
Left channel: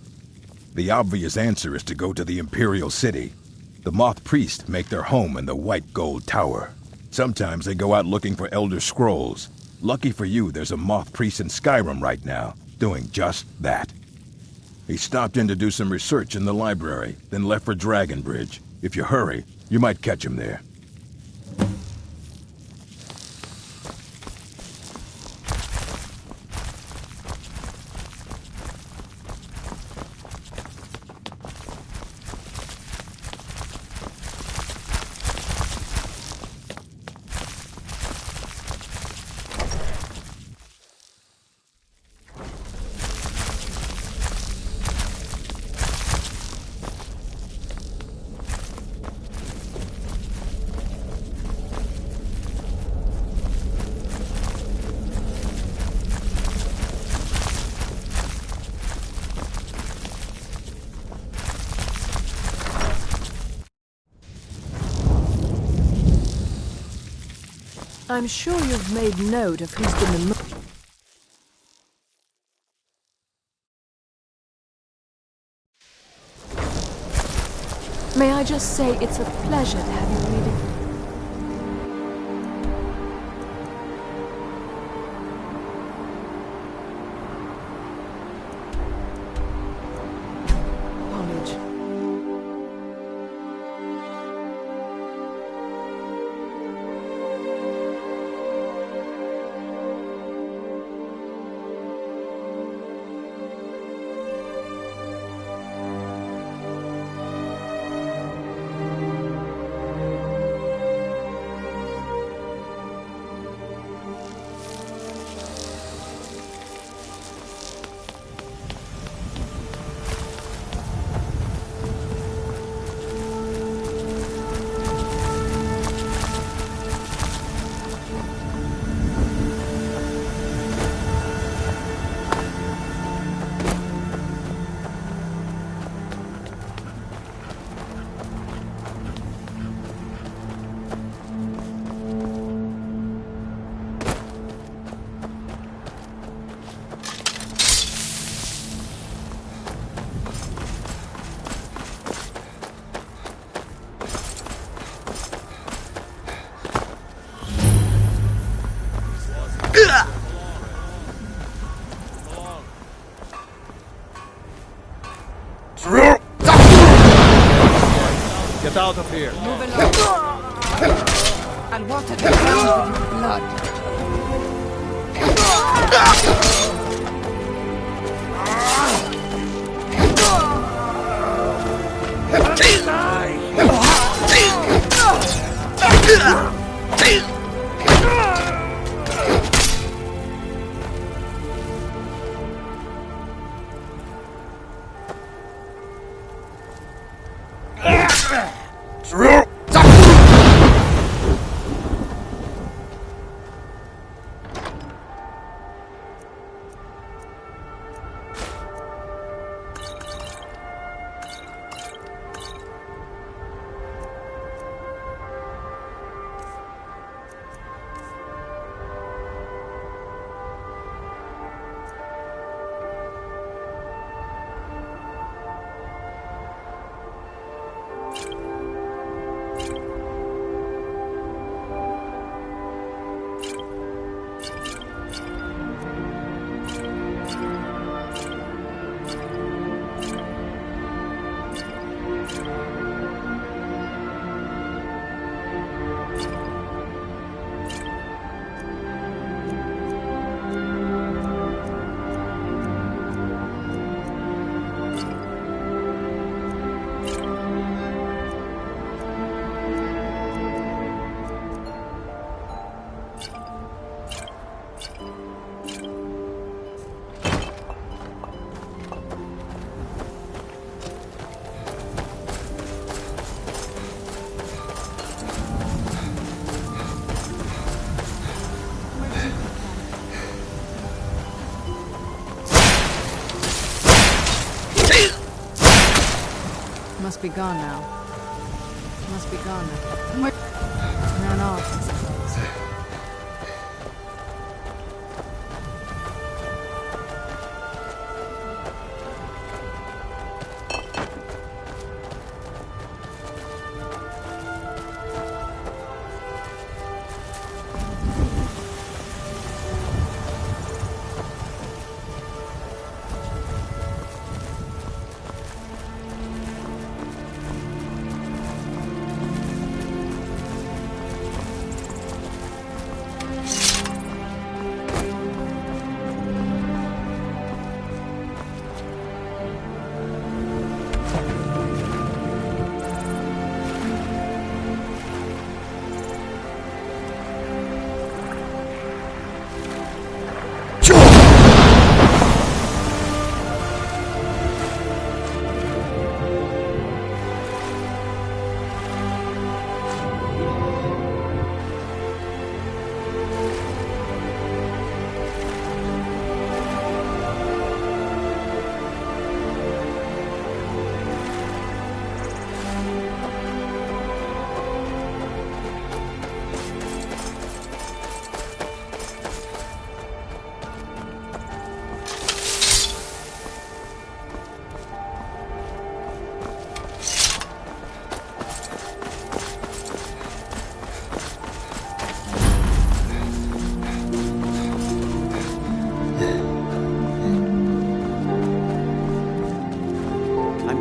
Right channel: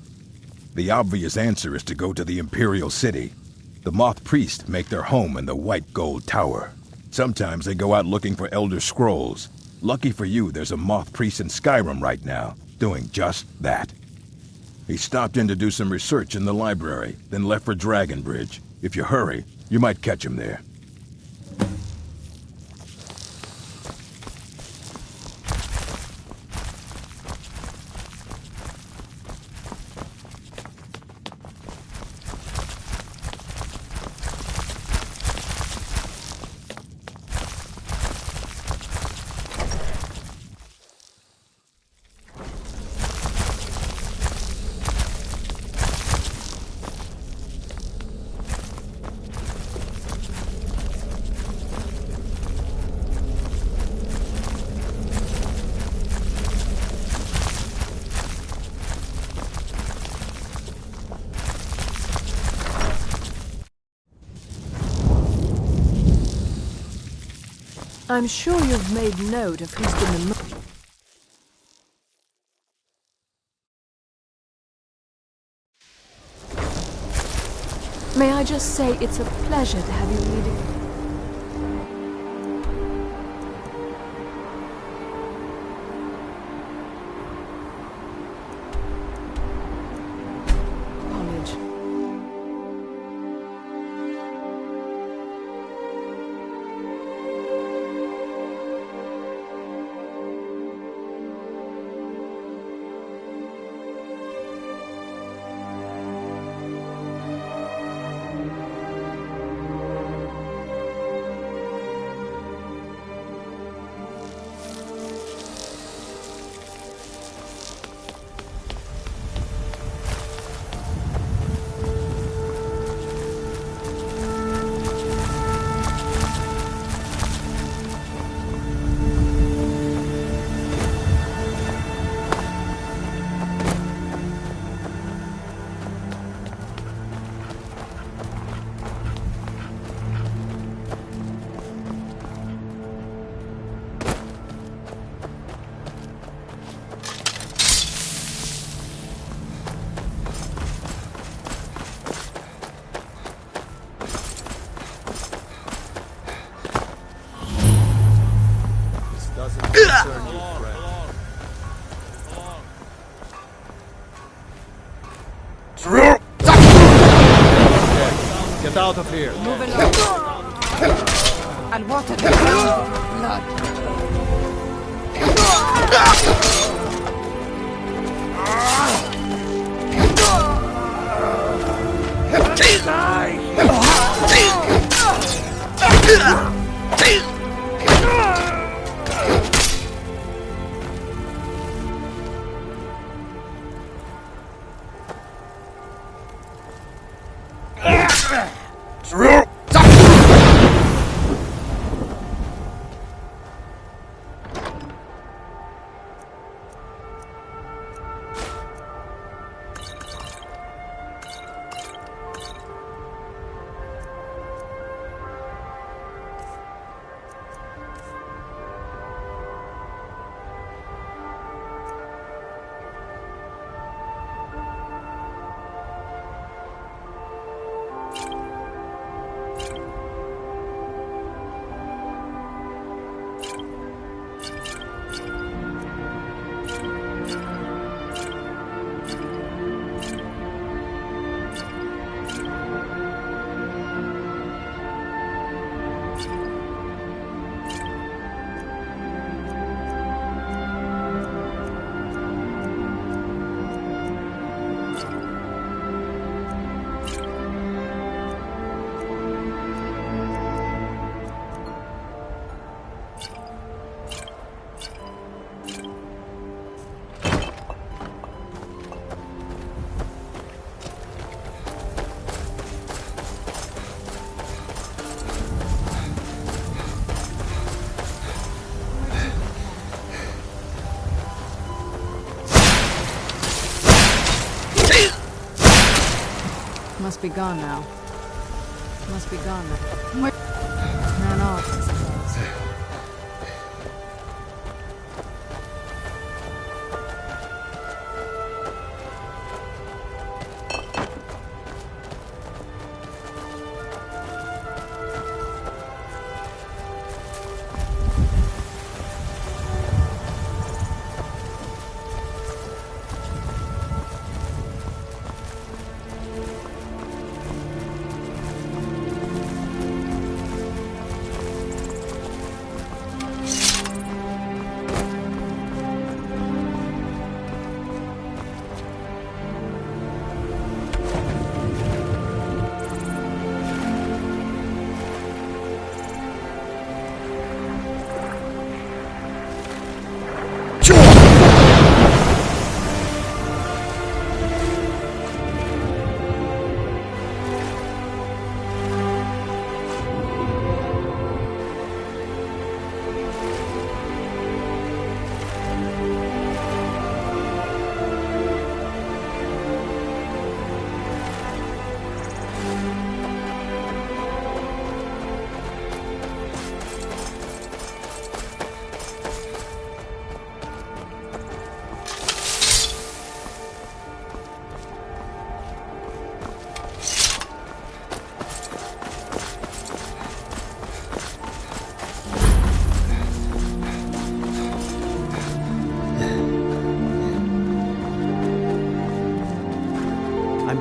The obvious answer is to go to the Imperial City. The moth priests make their home in the White Gold Tower. Sometimes they go out looking for Elder Scrolls. Lucky for you, there's a moth priest in Skyrim right now, doing just that. He stopped in to do some research in the library, then left for Dragonbridge. If you hurry, you might catch him there. I'm sure you've made note of who's been the May I just say it's a pleasure to have you reading. College. Get out of here. Move along. I'll water the ground with your blood. Must be gone now. Must be gone now. Where... Ran off, I suppose.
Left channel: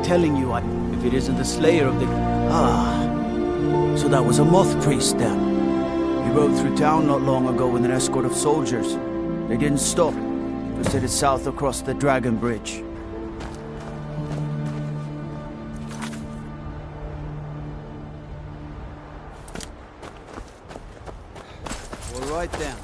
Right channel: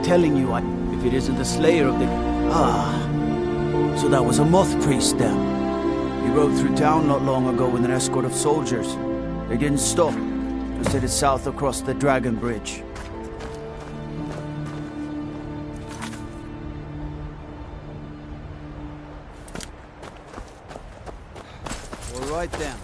Telling you, if it isn't the slayer of the... So that was a moth priest then. He rode through town not long ago with an escort of soldiers. They didn't stop, just headed south across the Dragon Bridge. All right then.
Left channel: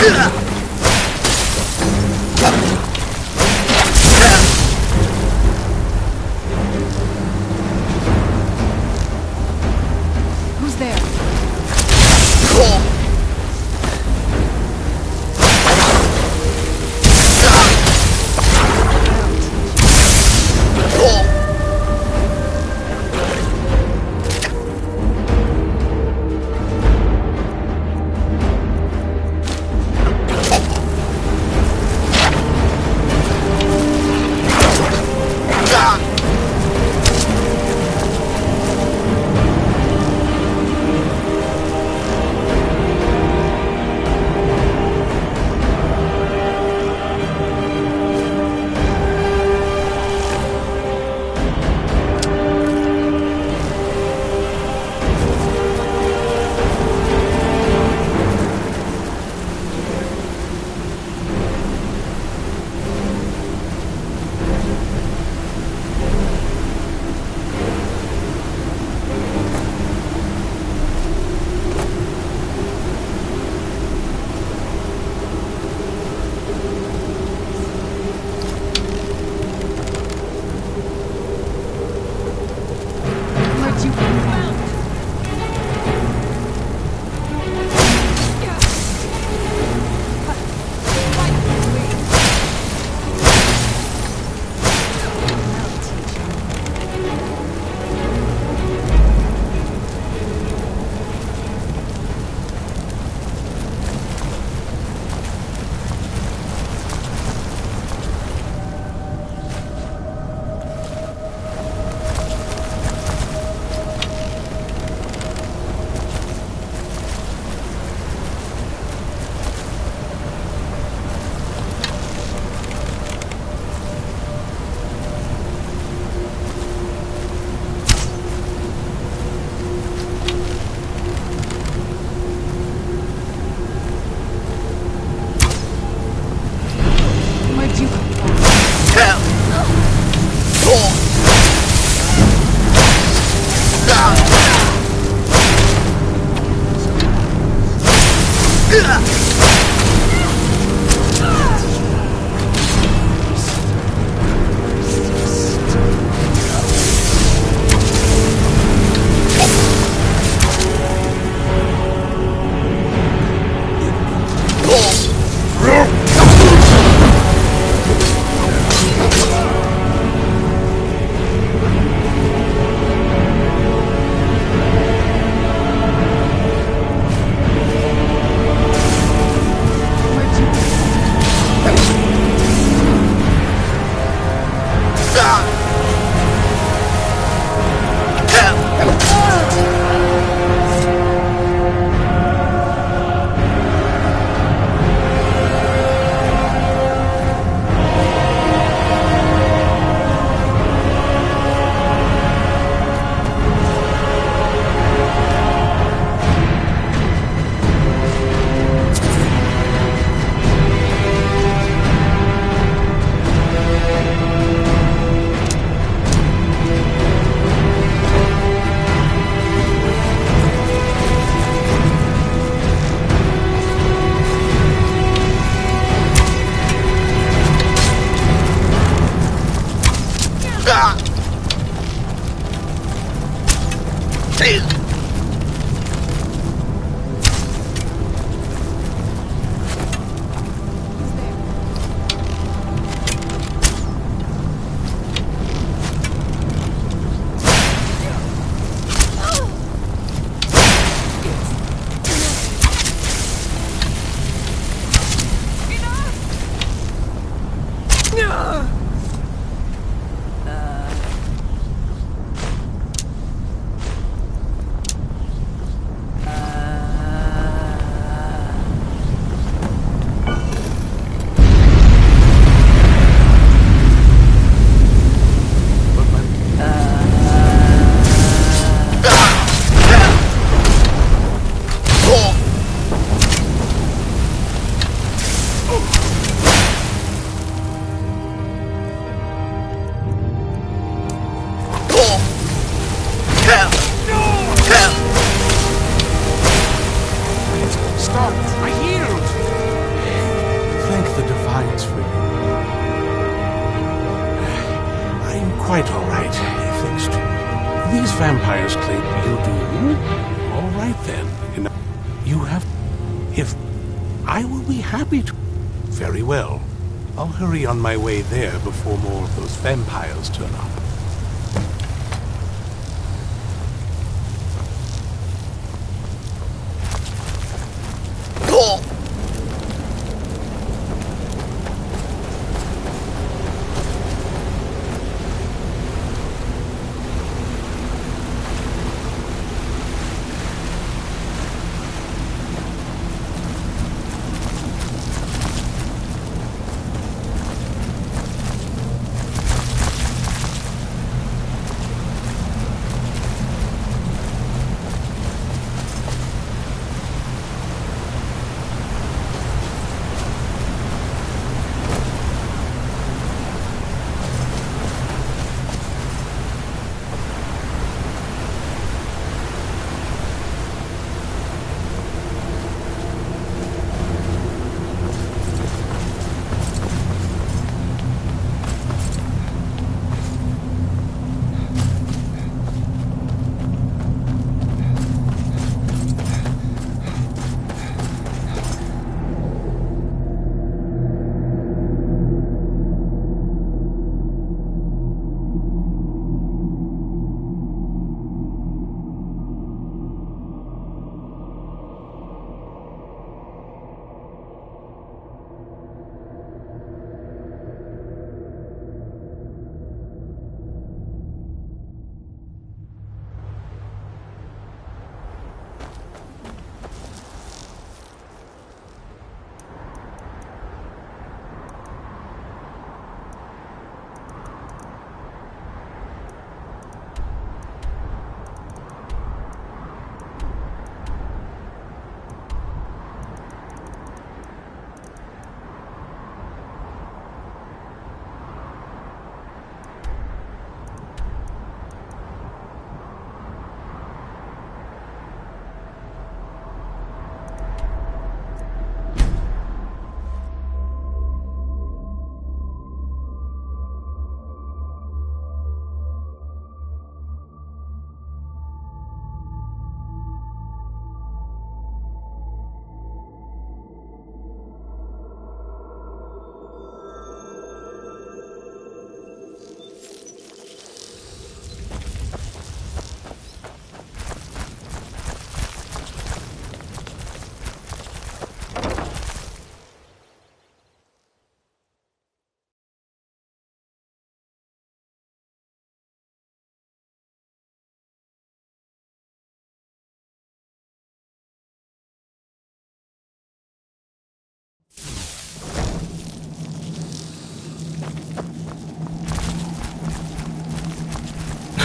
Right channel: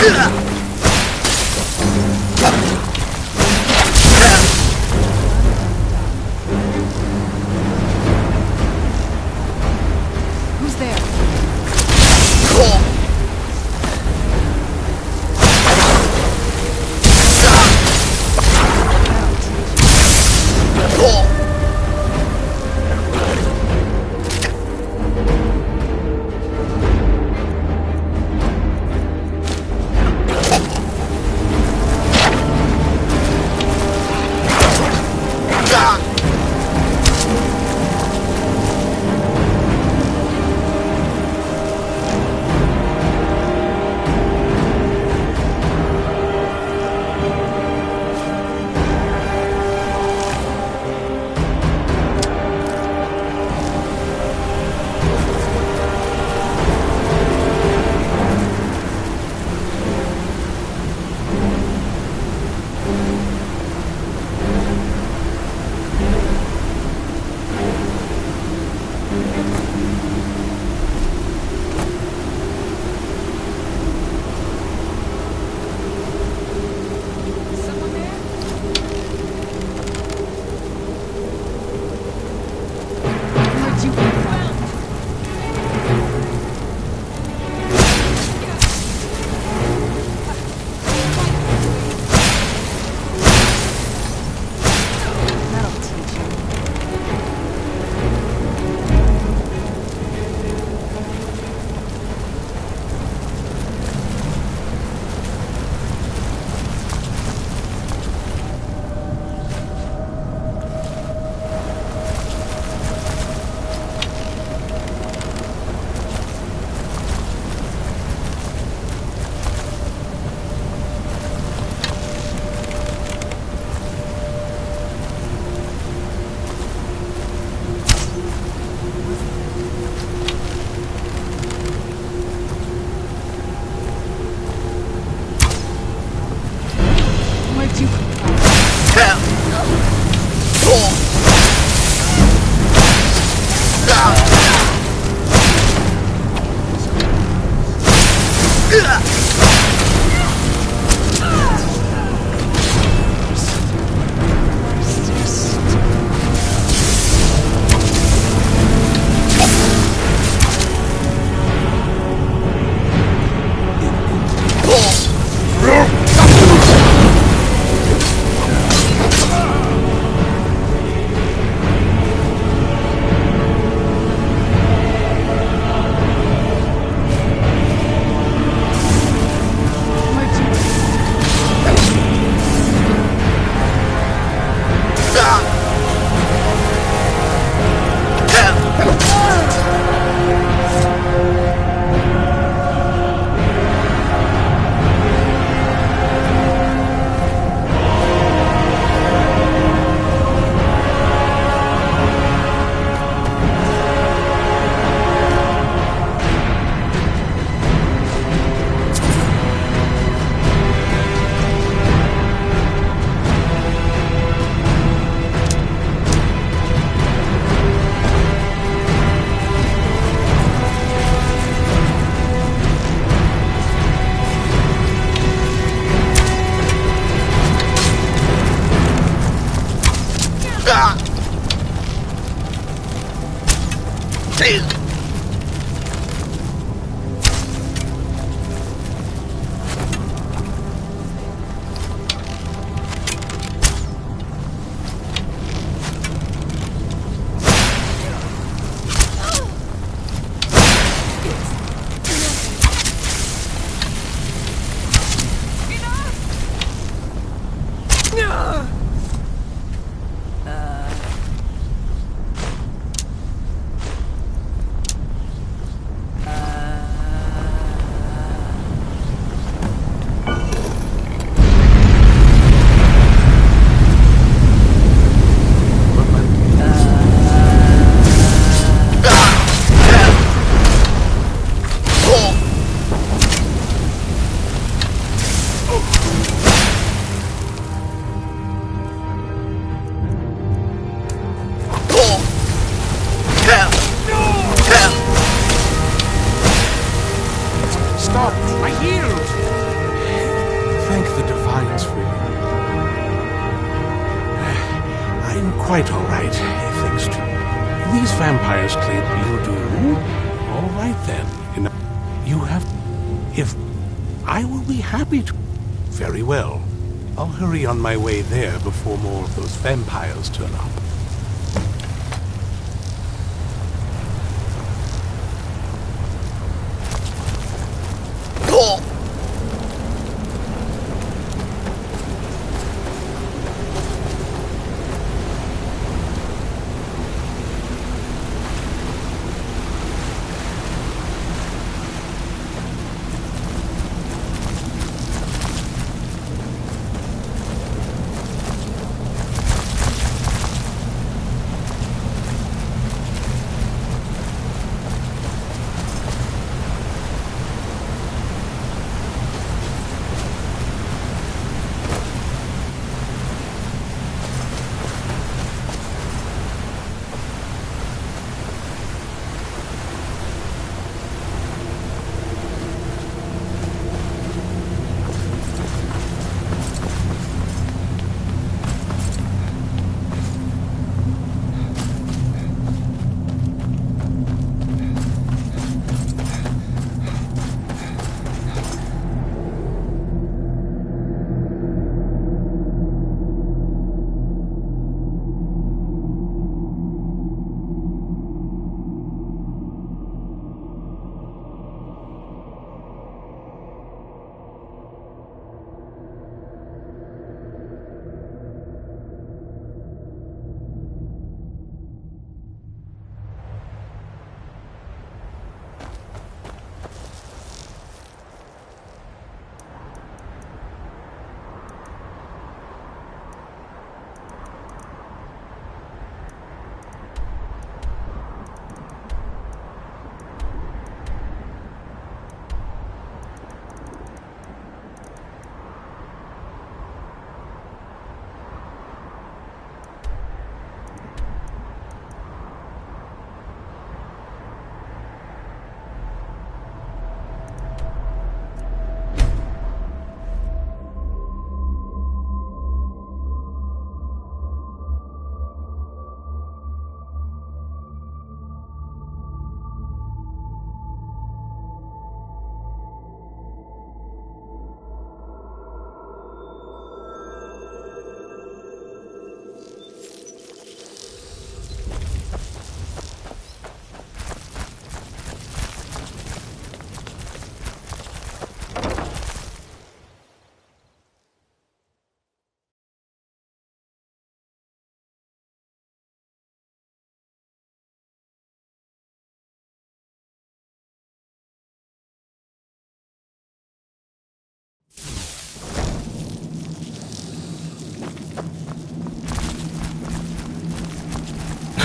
Who's there? Where'd you come from? Where'd you come from? lines for you. I'm quite all right, thanks to you. These vampires claim you do. All right then. You have... If... I will be happy to... Very well. I'll hurry on my way there before more of those vampires turn up.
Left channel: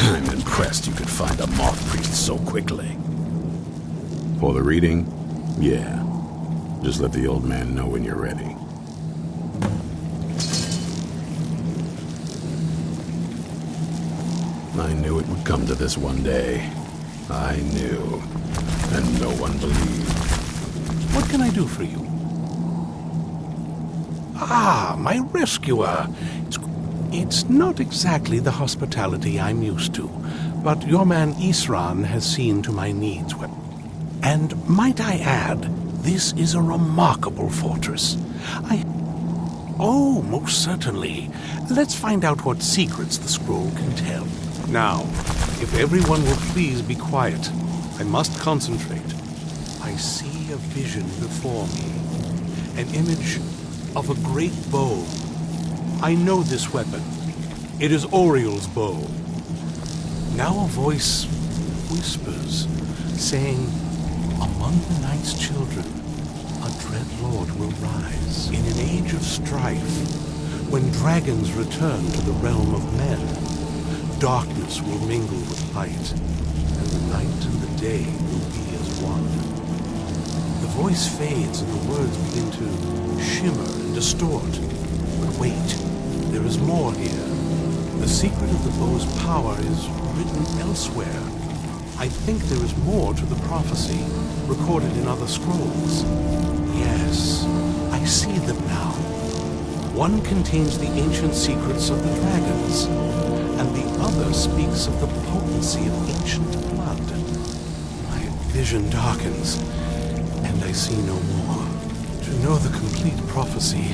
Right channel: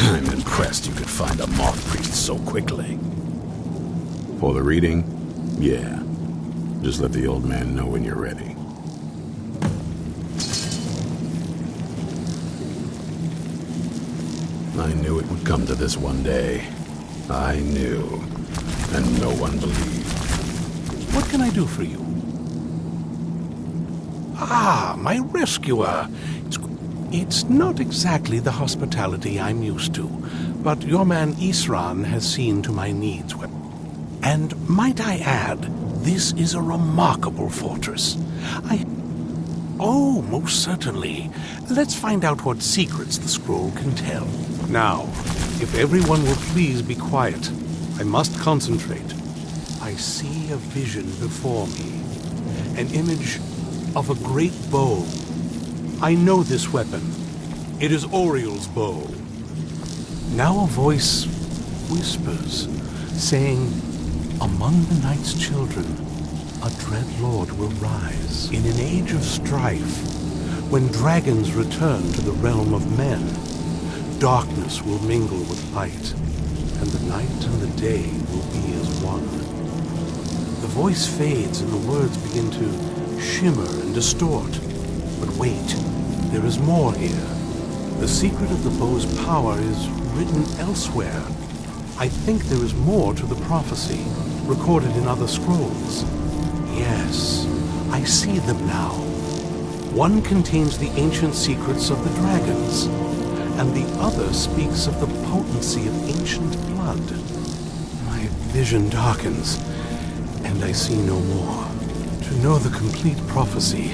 I'm impressed you could find a moth priest so quickly. For the reading? Yeah. Just let the old man know when you're ready. I knew it would come to this one day. I knew. And no one believed. What can I do for you? Ah, my rescuer. It's not exactly the hospitality I'm used to, but your man Isran has seen to my needs. And might I add, this is a remarkable fortress. Oh, most certainly. Let's find out what secrets the scroll can tell. Now, if everyone will please be quiet, I must concentrate. I see a vision before me, an image of a great bow. I know this weapon. It is Oriel's bow. Now a voice whispers, saying, among the night's children, a dread lord will rise. In an age of strife, when dragons return to the realm of men, darkness will mingle with light, and the night and the day will be as one. The voice fades and the words begin to shimmer and distort. But wait, there is more here. The secret of the bow's power is written elsewhere. I think there is more to the prophecy, recorded in other scrolls. Yes, I see them now. One contains the ancient secrets of the dragons, and the other speaks of the potency of ancient blood. My vision darkens, and I see no more. To know the complete prophecy,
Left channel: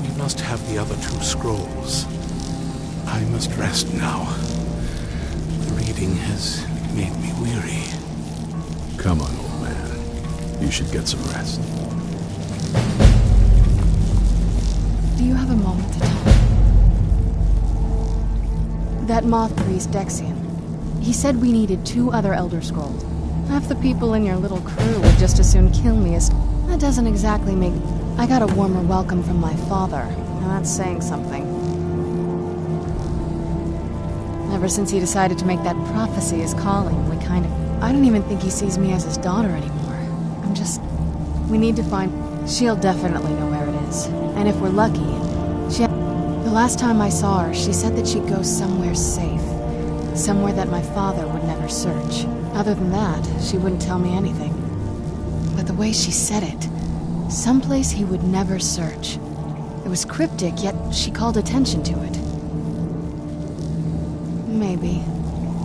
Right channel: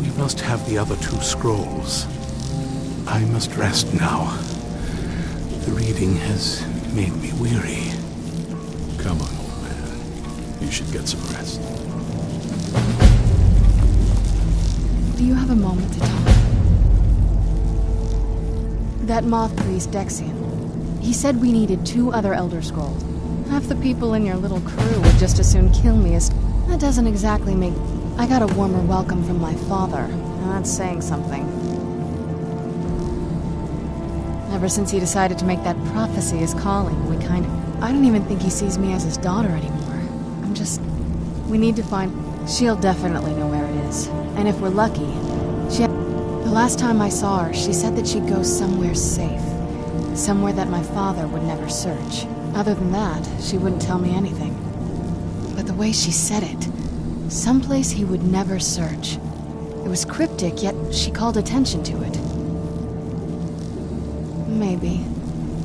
we must have the other two scrolls. I must rest now. The reading has made me weary. Come on, old man. You should get some rest. Do you have a moment to talk? That moth priest, Dexian. He said we needed 2 other Elder Scrolls. Half the people in your little crew would just as soon kill me as... That doesn't exactly make... I got a warmer welcome from my father, and that's saying something. Ever since he decided to make that prophecy his calling, we kind of... I don't even think he sees me as his daughter anymore. I'm just... We need to find... She'll definitely know where it is. And if we're lucky, the last time I saw her, she said that she'd go somewhere safe. Somewhere that my father would never search. Other than that, she wouldn't tell me anything. But the way she said it, someplace he would never search. It was cryptic, yet she called attention to it. Maybe.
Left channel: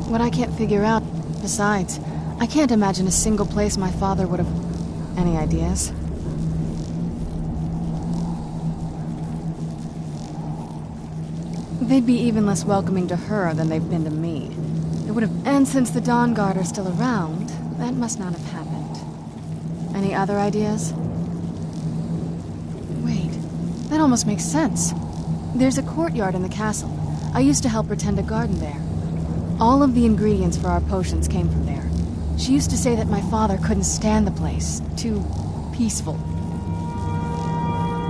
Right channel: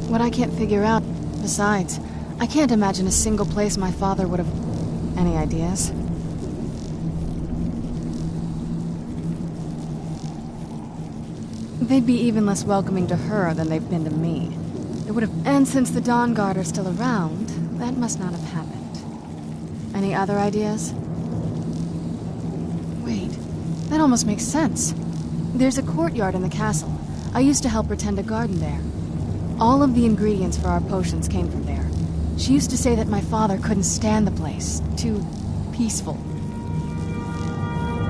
What I can't figure out... Besides, I can't imagine a single place my father would have... Any ideas? They'd be even less welcoming to her than they've been to me. It would have... And since the Dawn Guard are still around, that must not have happened. Any other ideas? Wait, that almost makes sense. There's a courtyard in the castle. I used to help her tend a garden there. All of the ingredients for our potions came from there. She used to say that my father couldn't stand the place. Too peaceful.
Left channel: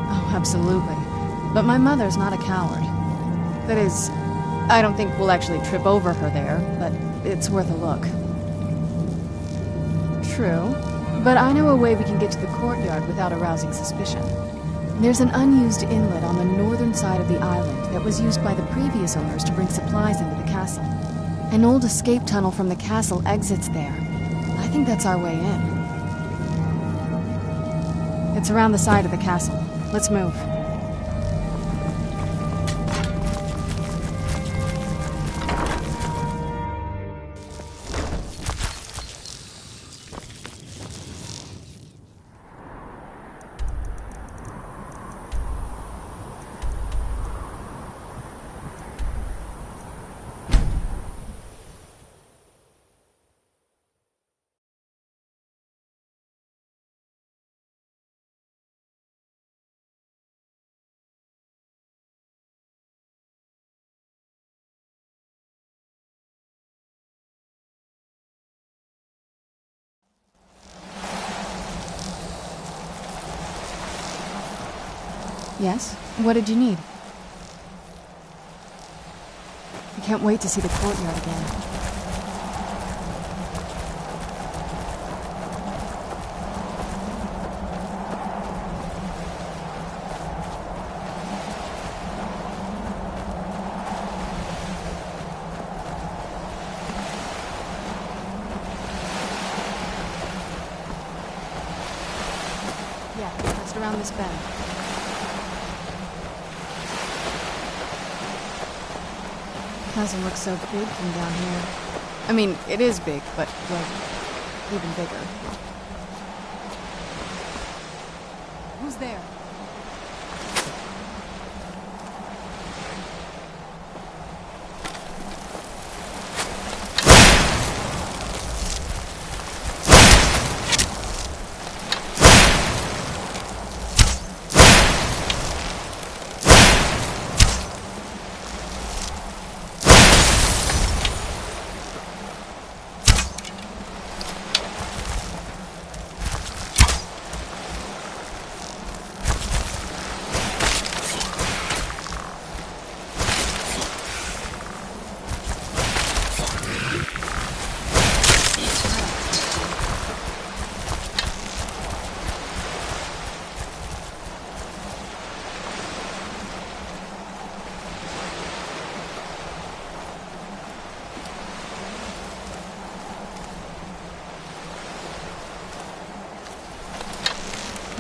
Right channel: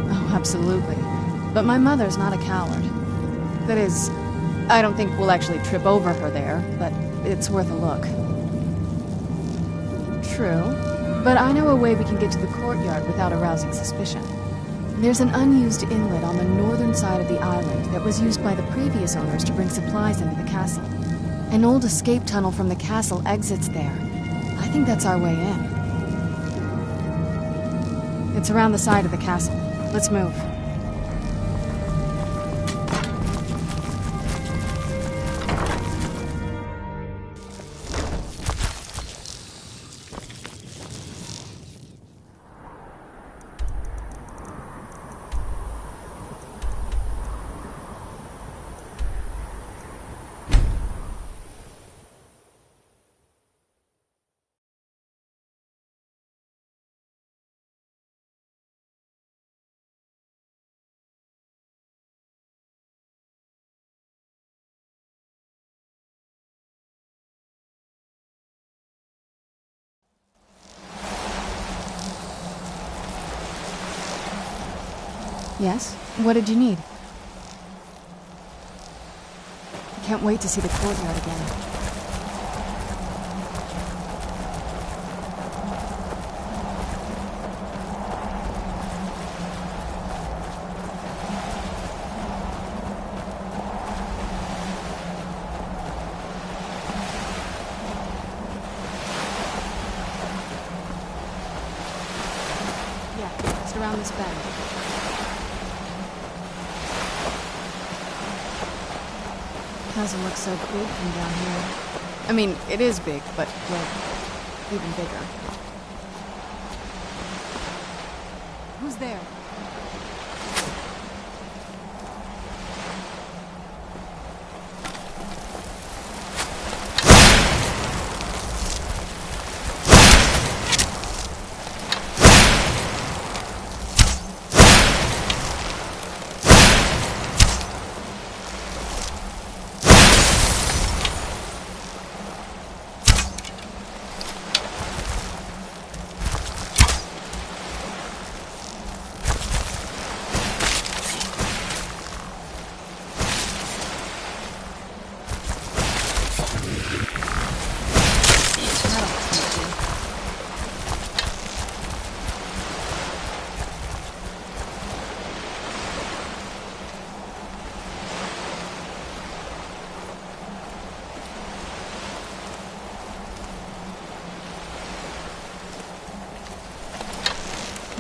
Oh, absolutely. But my mother's not a coward. That is, I don't think we'll actually trip over her there, but it's worth a look. True, but I know a way we can get to the courtyard without arousing suspicion. There's an unused inlet on the northern side of the island that was used by the previous owners to bring supplies into the castle. An old escape tunnel from the castle exits there. I think that's our way in. It's around the side of the castle. Let's move. Yes? What did you need? I can't wait to see the courtyard again. Yeah, just around this bend. Doesn't look so big from down here. I mean, it is big, but, well, even bigger. Who's there?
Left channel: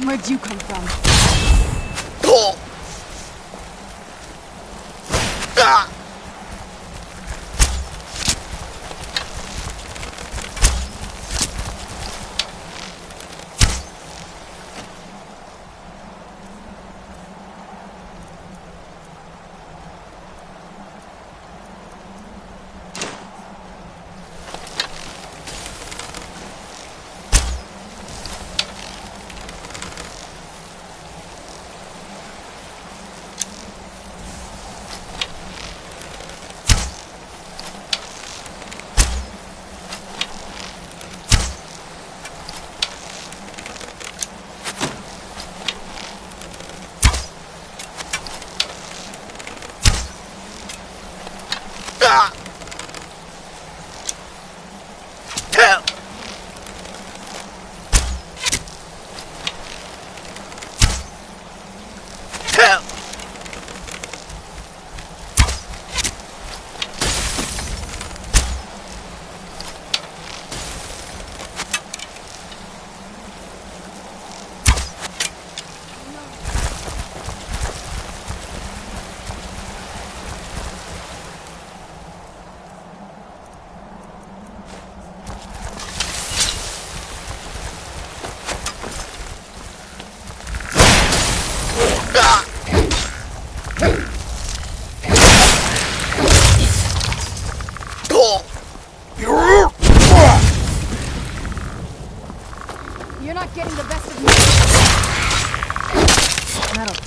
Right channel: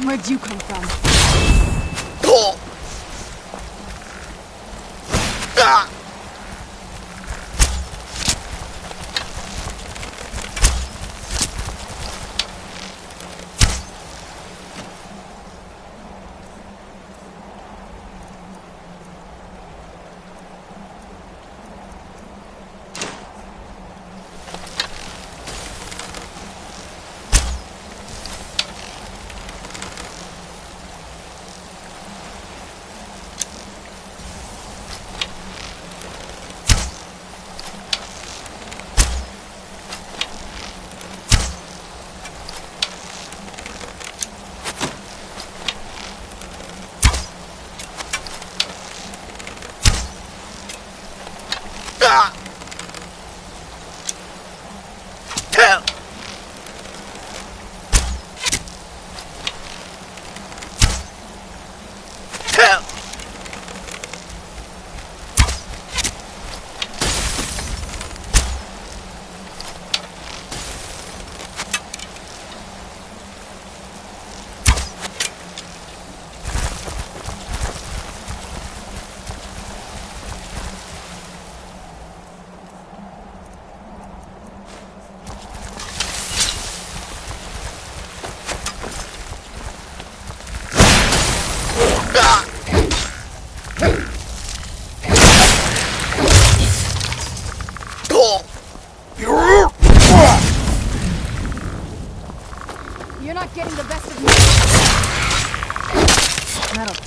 Where'd you come from?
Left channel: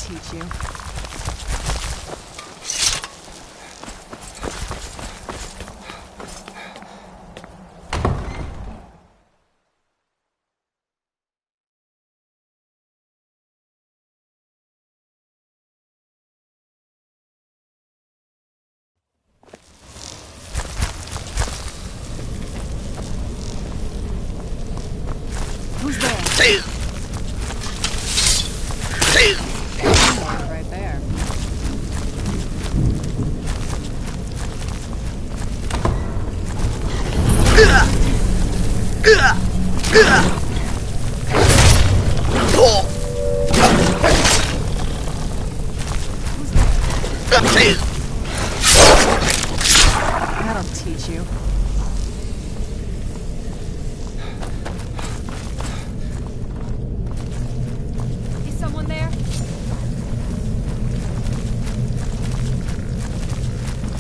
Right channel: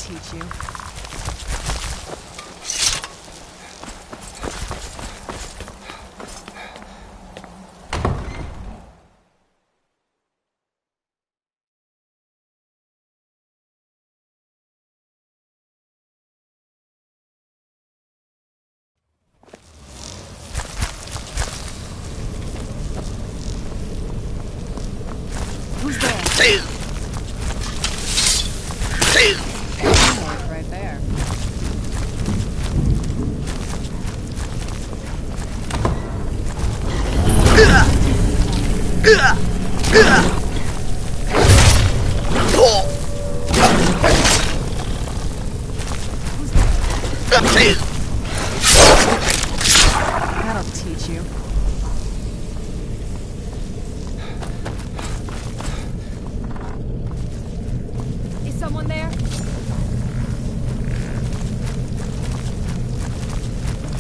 teach you. Who's there? Right there. That'll teach you. Is someone there?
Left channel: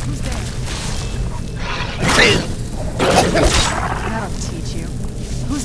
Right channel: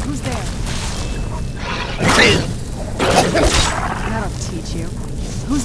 Who's there? That'll teach you. Who's...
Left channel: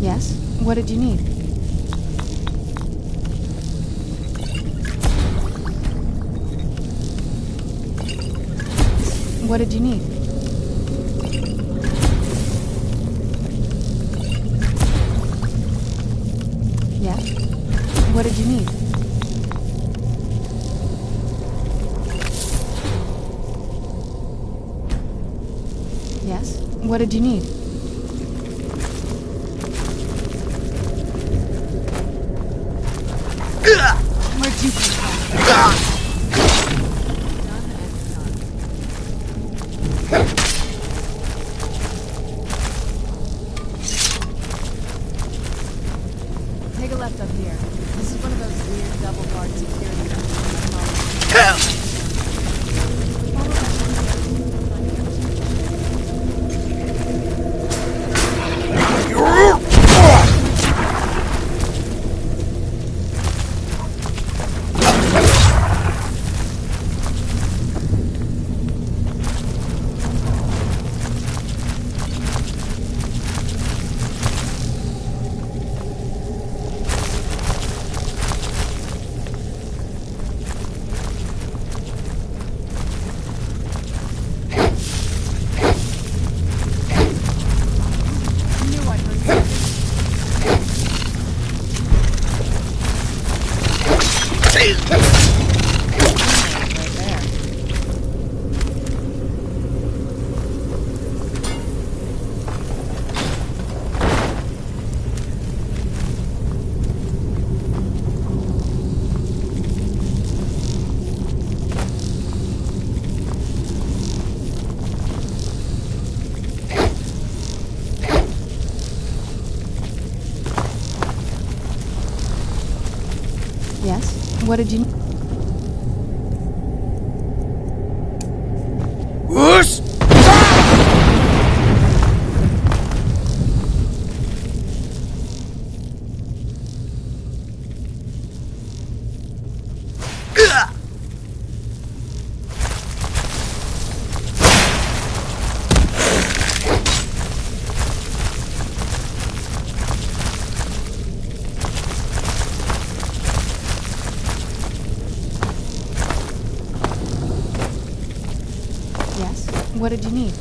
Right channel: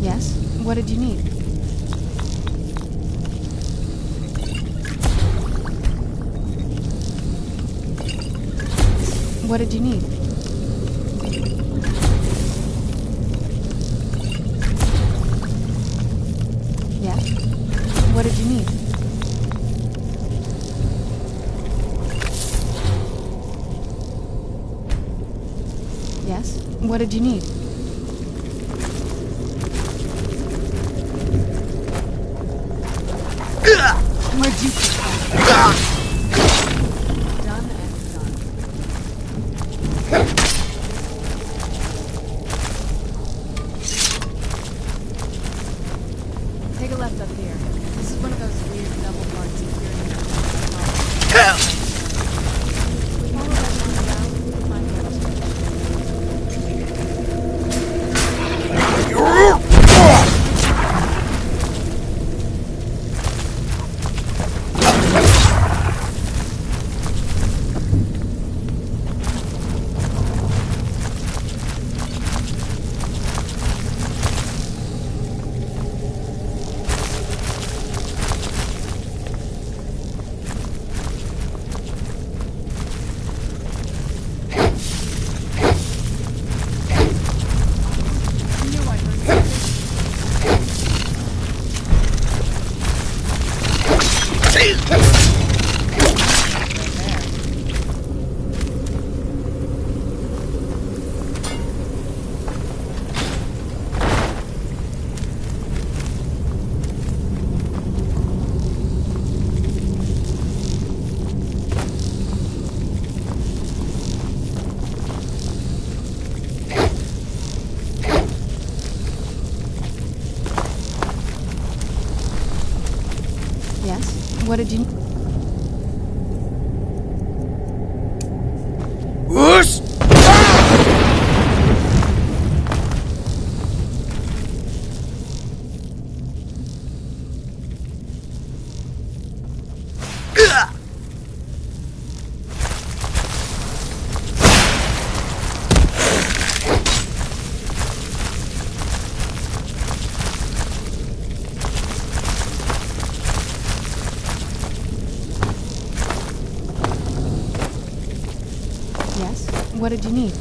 Yes? What did you need? What did you need? Yes? What did you need? Yes? What did you need? Where'd you come from? Done and done. Take a left up here. This is one of those weird double-guard security networks. Follow that one down and find the other. Yes? What did you... Whoosh! Yes? What did you need?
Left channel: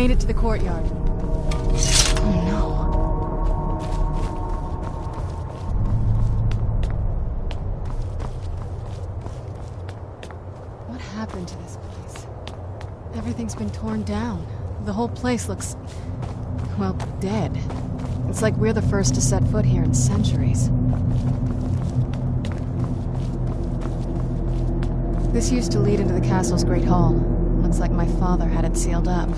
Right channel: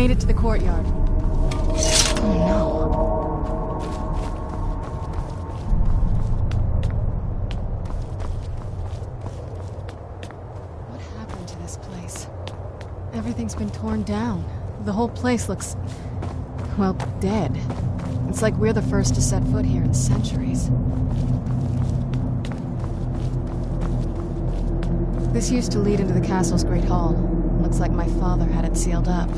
made it to the courtyard. Oh no. What happened to this place? Everything's been torn down. The whole place looks, well, dead. It's like we're the first to set foot here in centuries. This used to lead into the castle's great hall. Looks like my father had it sealed up.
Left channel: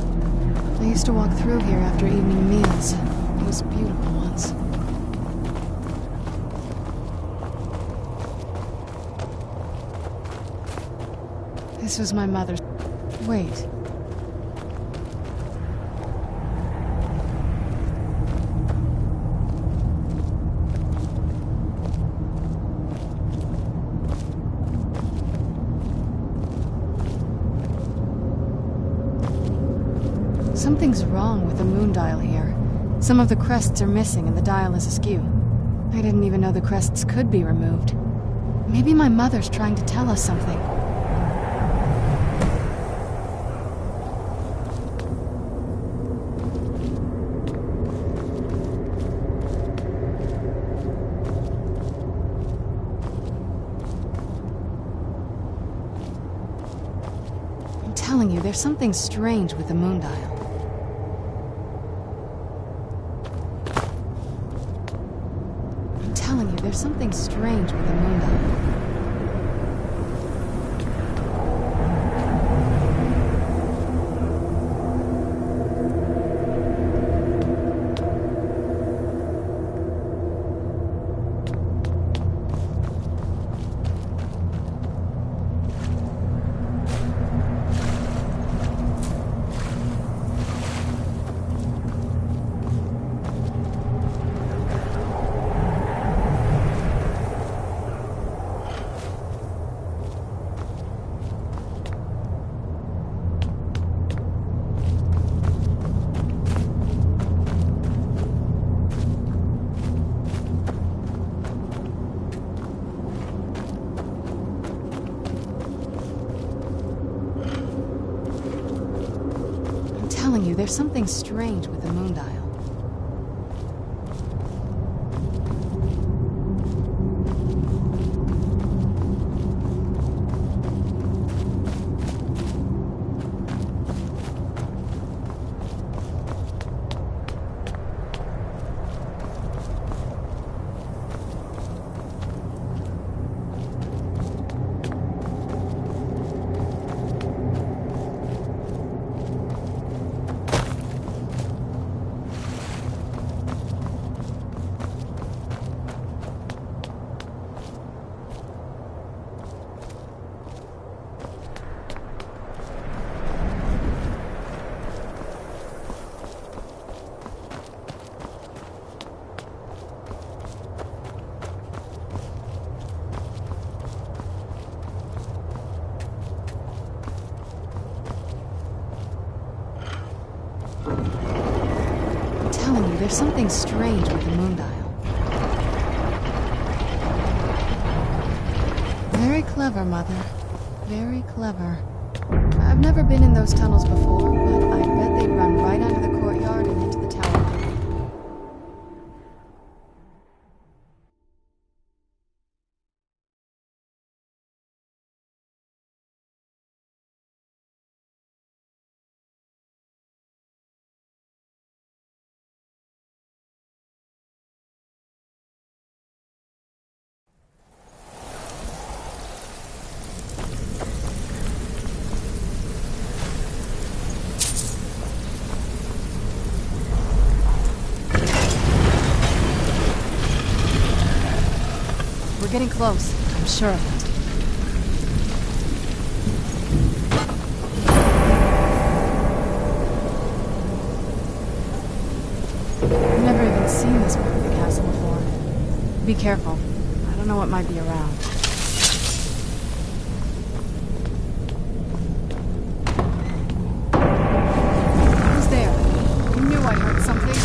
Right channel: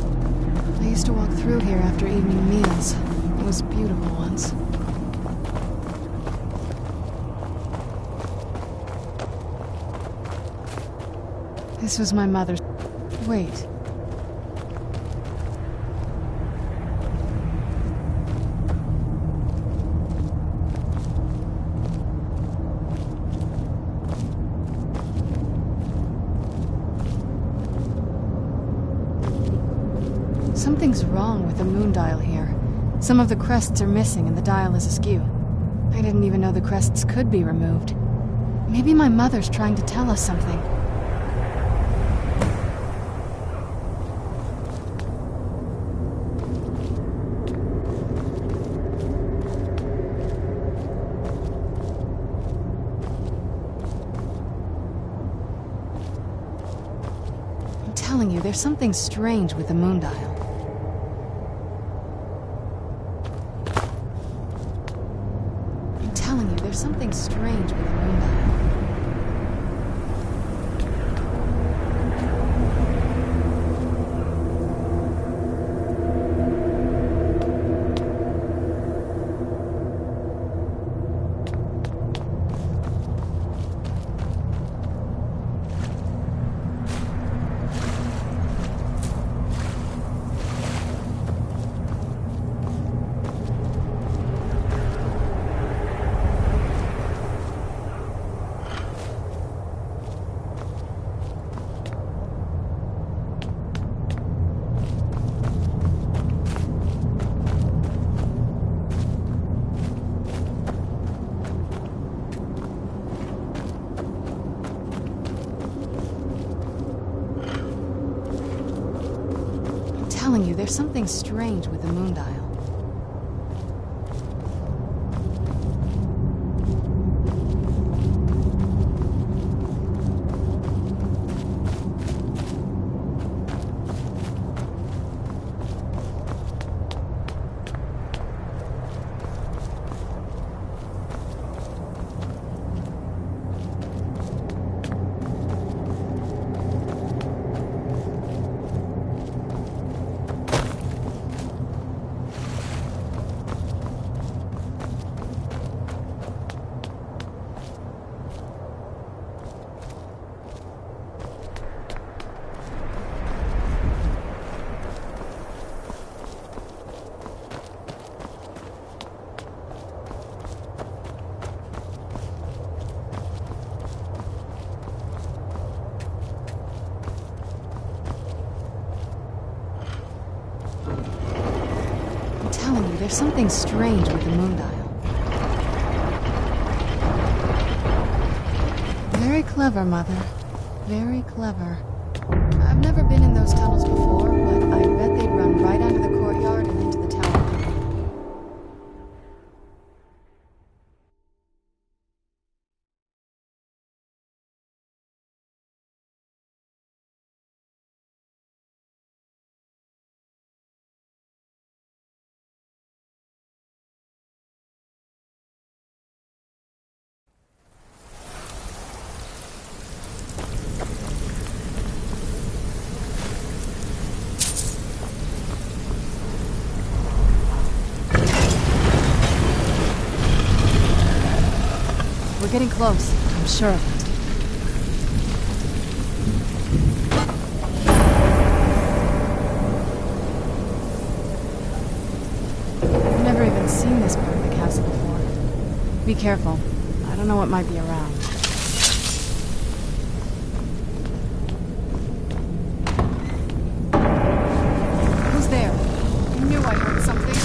I used to walk through here after evening meals. It was beautiful once. This was my mother's... Wait. Something's wrong with the moon dial here. Some of the crests are missing and the dial is askew. I didn't even know the crests could be removed. Maybe my mother's trying to tell us something. I'm telling you, there's something strange with the moon dial. There's something strange with the moon dial. I'm telling you, there's something strange with the moon dial. There's something strange with the moon dial. Very clever, Mother. Very clever. I've never been in those tunnels before, but I bet they'd run right under the courtyard and into the tower. We're getting close, I'm sure of it. I've never even seen this part of the castle before. Be careful. I don't know what might be around. Who's there? I knew I heard something.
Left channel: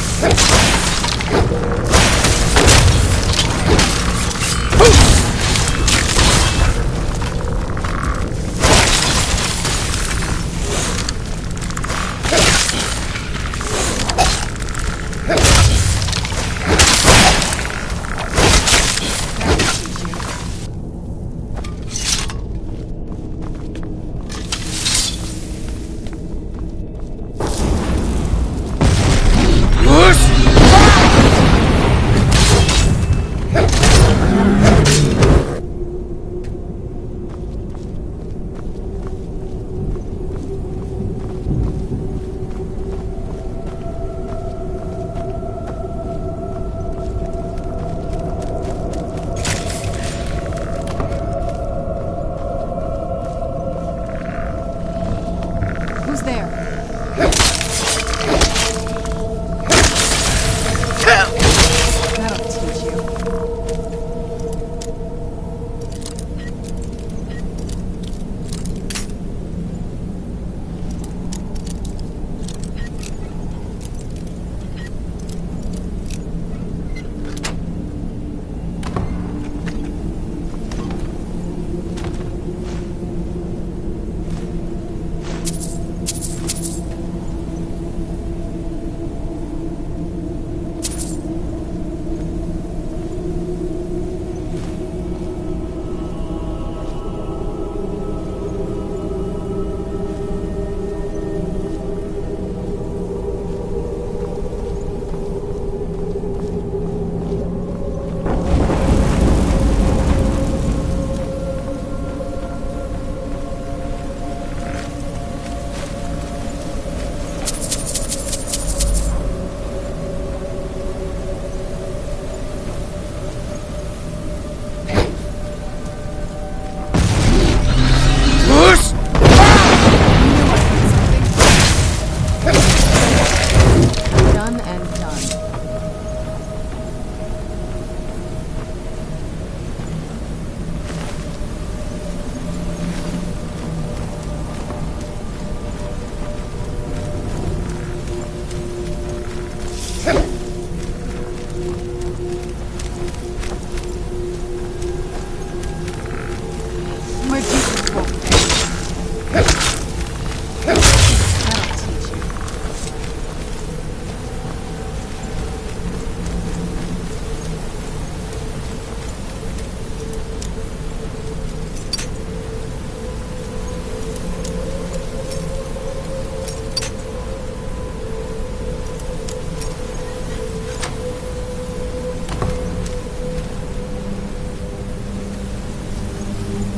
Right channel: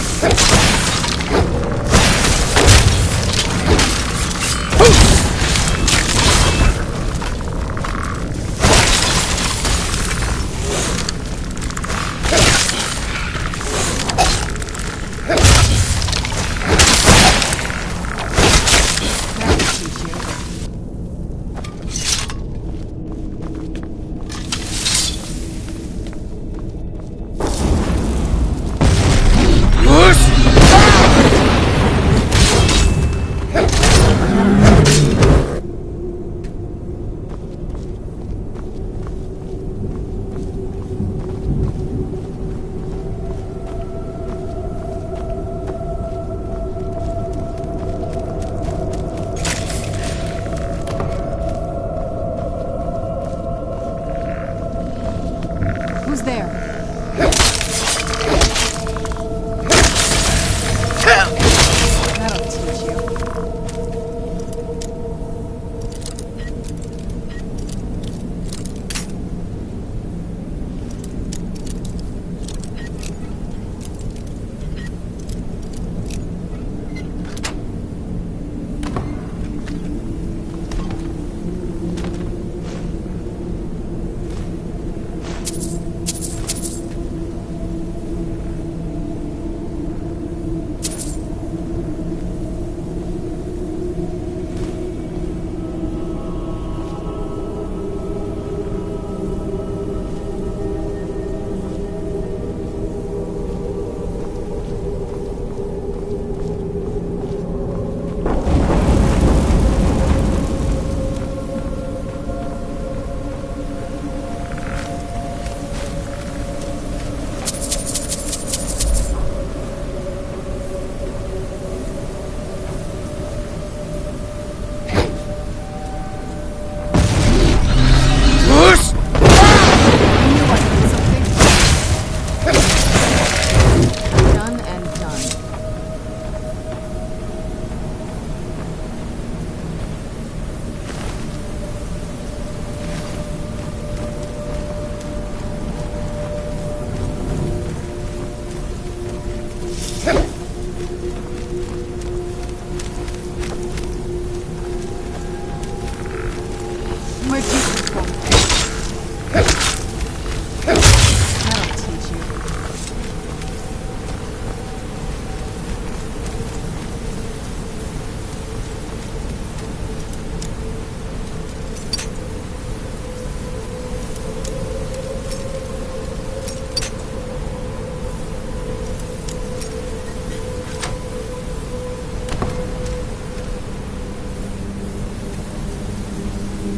Who's there? That'll teach you.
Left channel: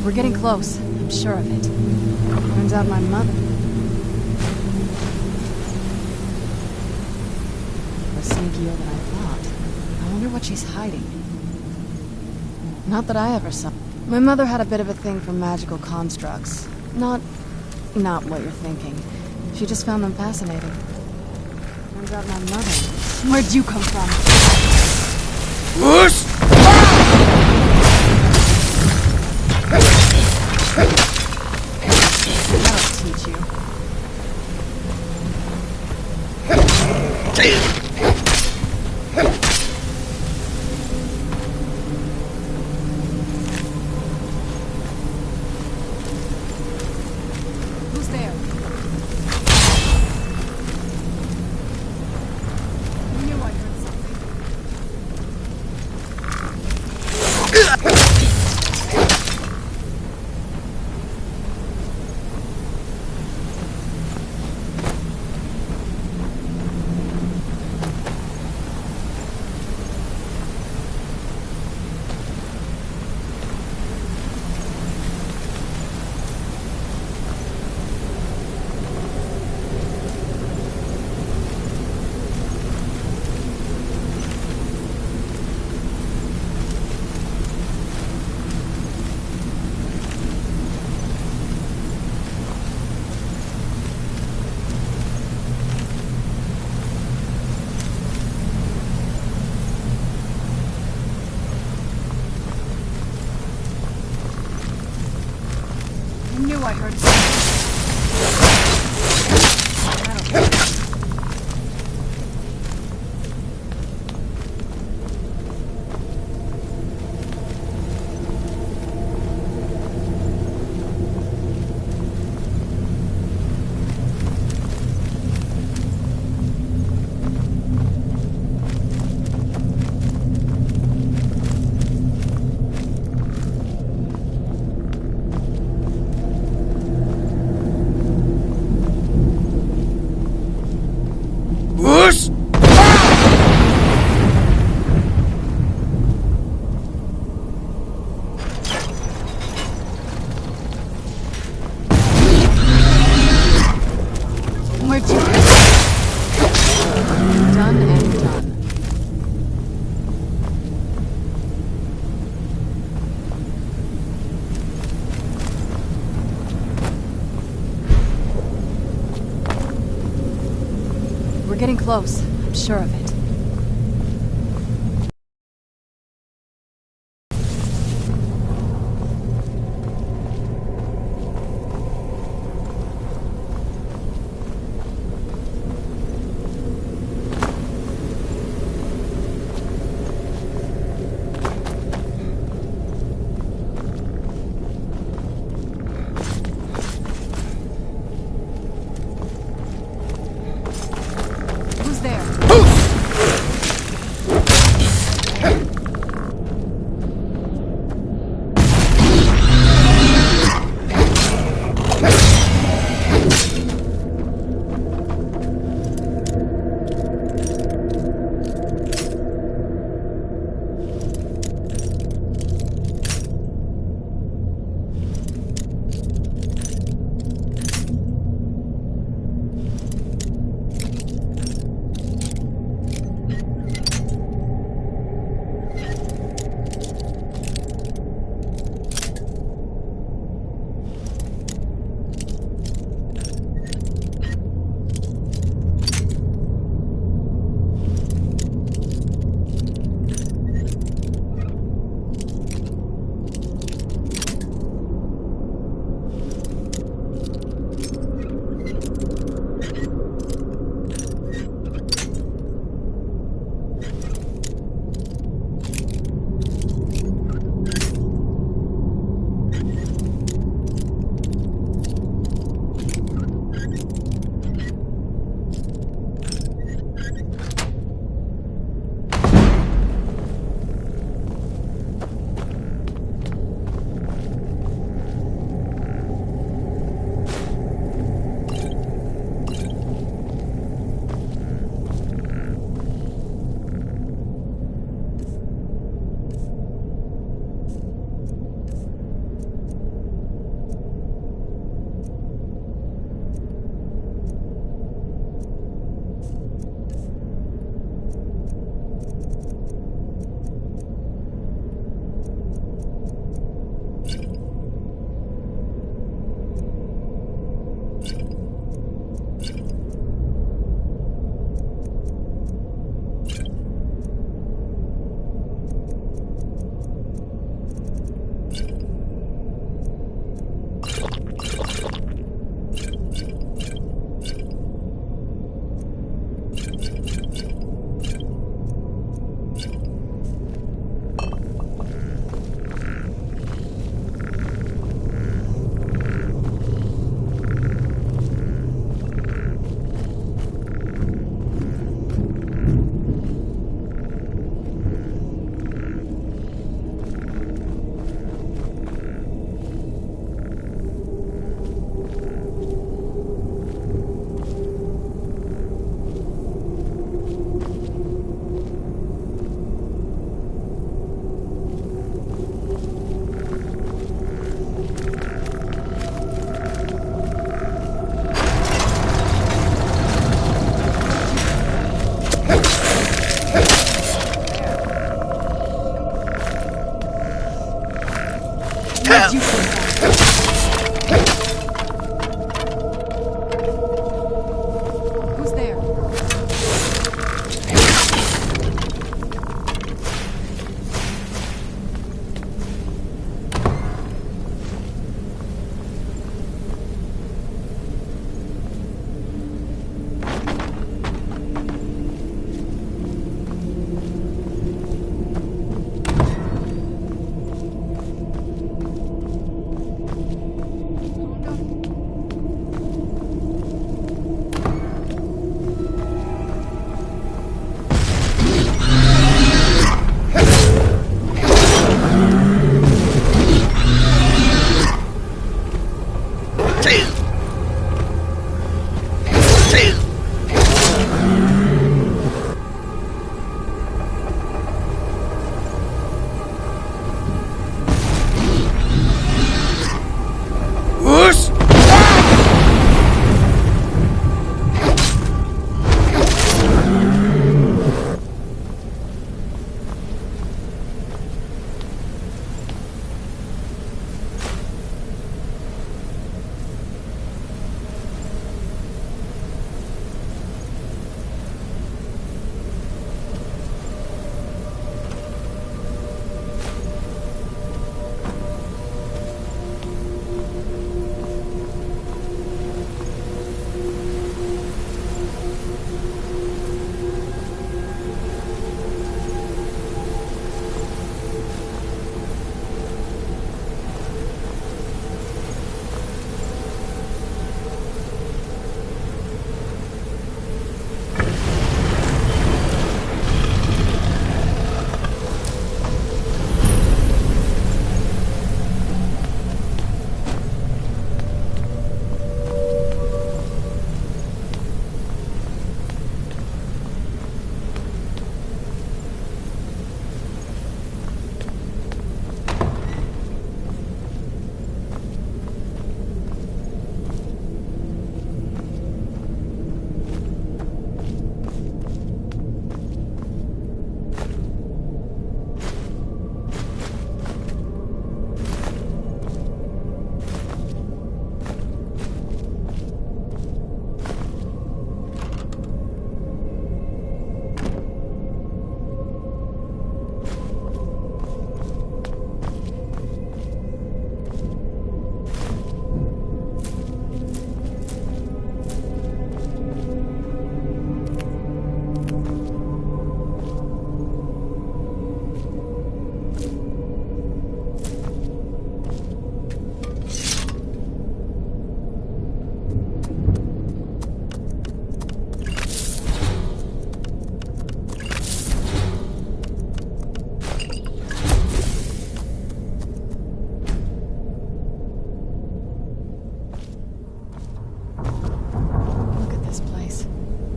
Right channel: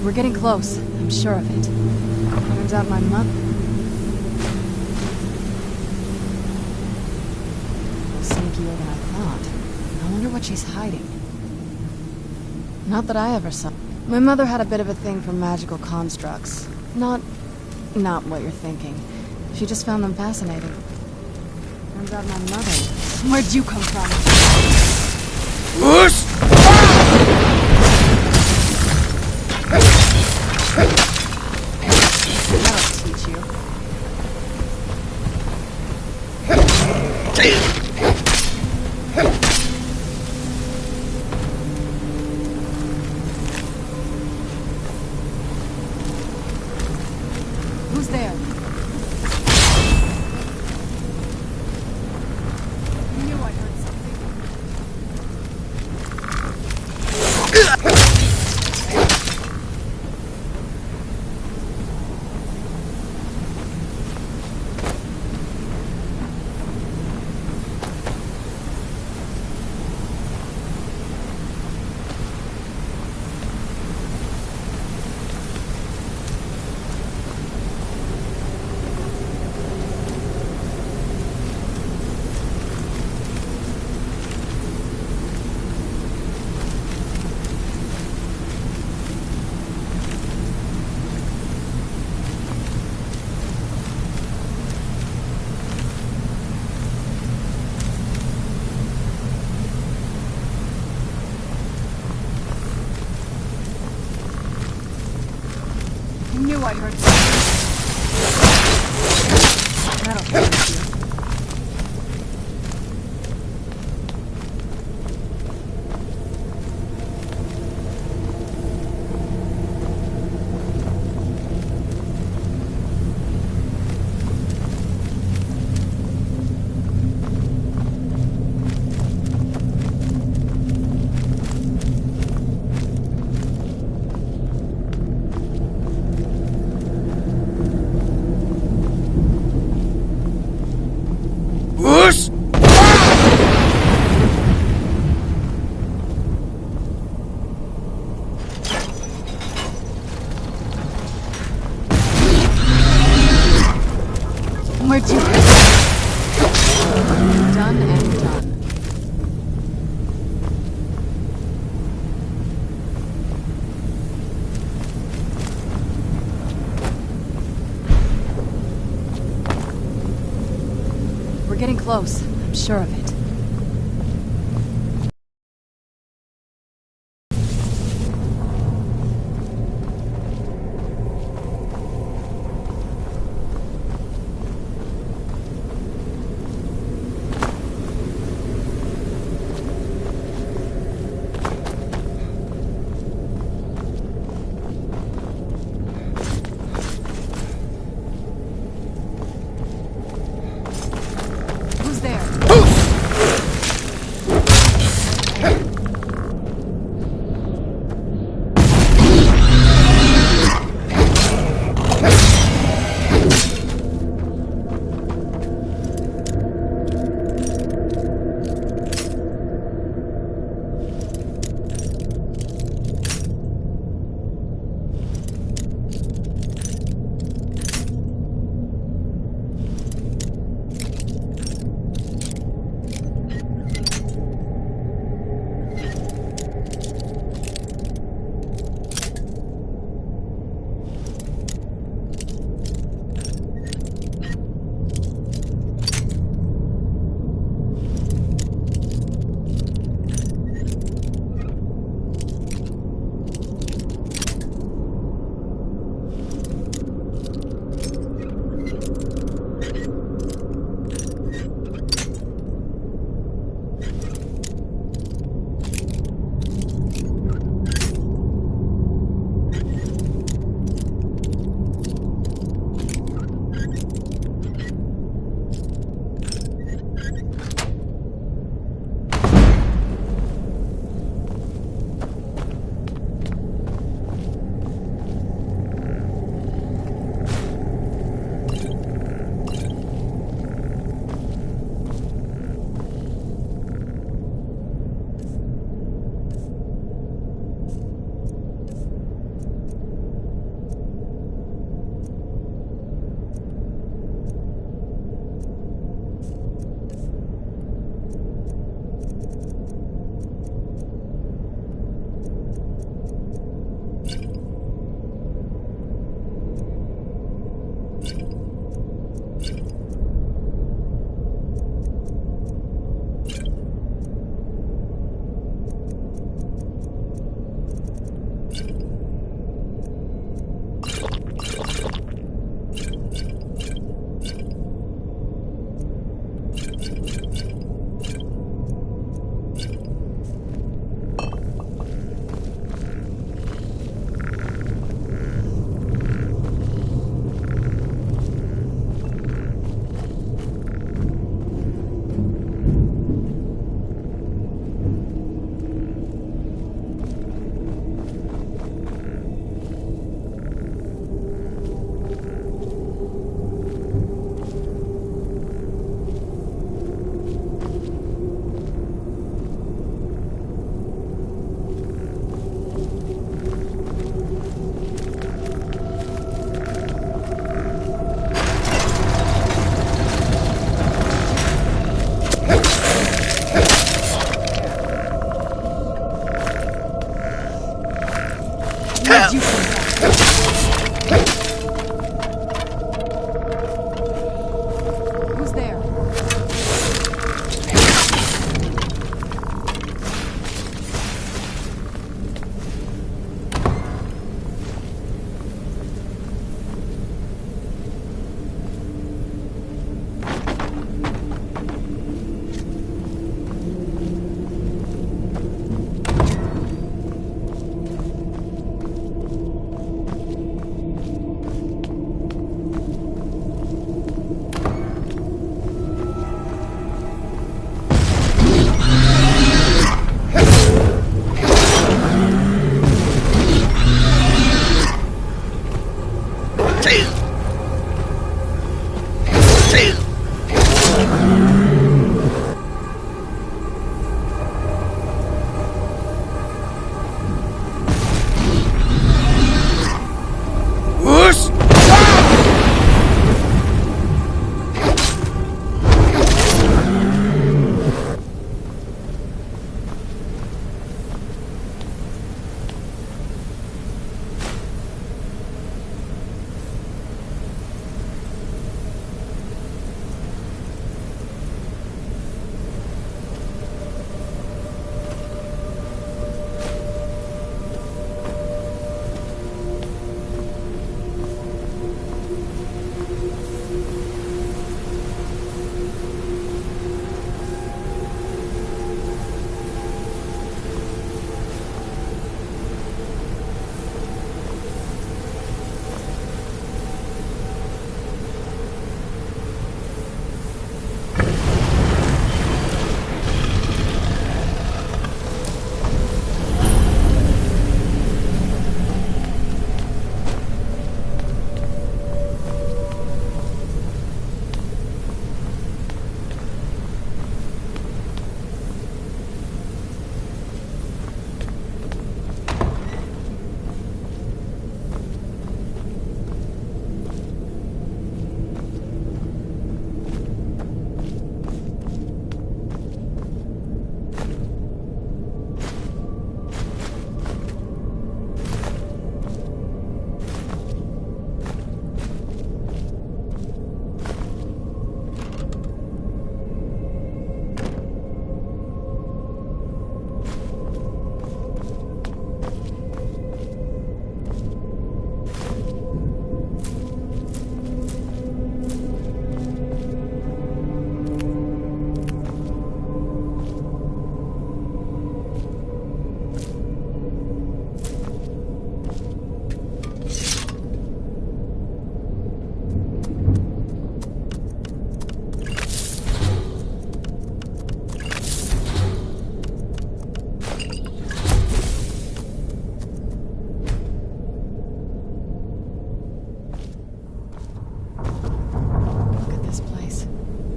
We're getting close. I'm sure of it. Turns out my mother was sneakier than I thought. I wonder what she's hiding. Not that I ever saw. My mother had a bit of a thing for magical constructs. Not what you're thinking. She just found them fascinating. Turns out my mother... Where'd you come from? Whoosh! That'll teach you. Who's there? I knew I heard something. I knew I heard something. That'll teach you. Whoosh! Where'd you go? Done and done. getting close. I'm sure of it. Who's there?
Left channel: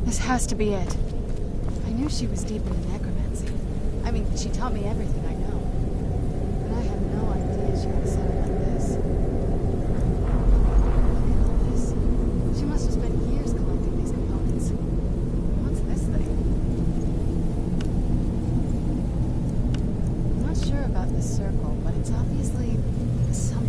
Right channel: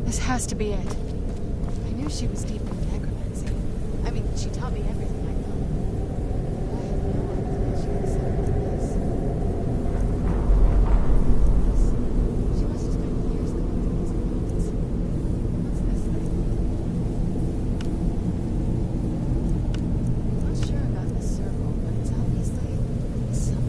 This has to be it. I knew she was deep into necromancy. I mean, she taught me everything I know. But I had no idea she had a setup like this. She must have spent years collecting these components. What's this thing? I'm not sure about this circle, but it's obviously something.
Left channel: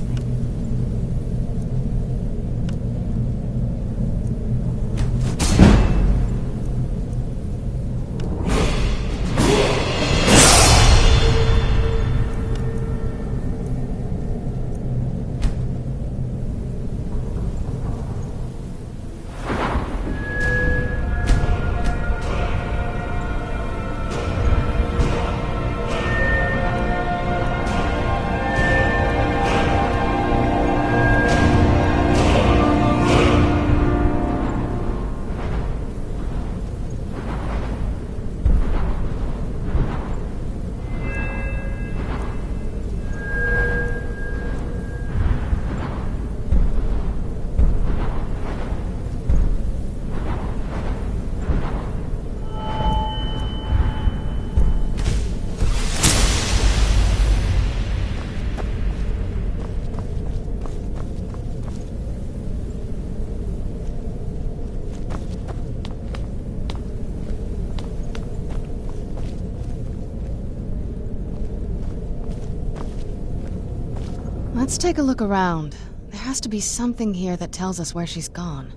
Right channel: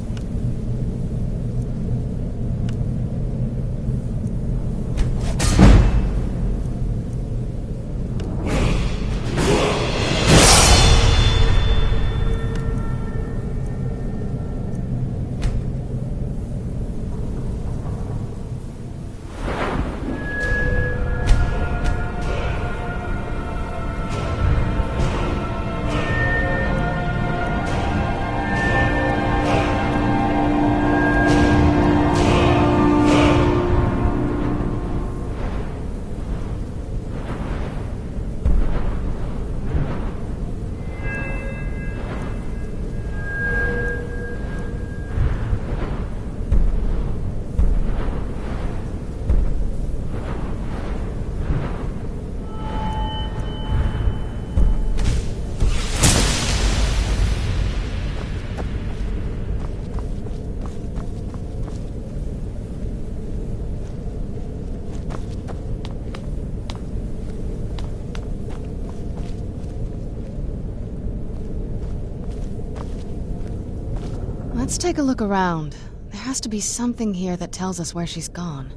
Let's take a look around. There has to be something here that tells us where she's gone.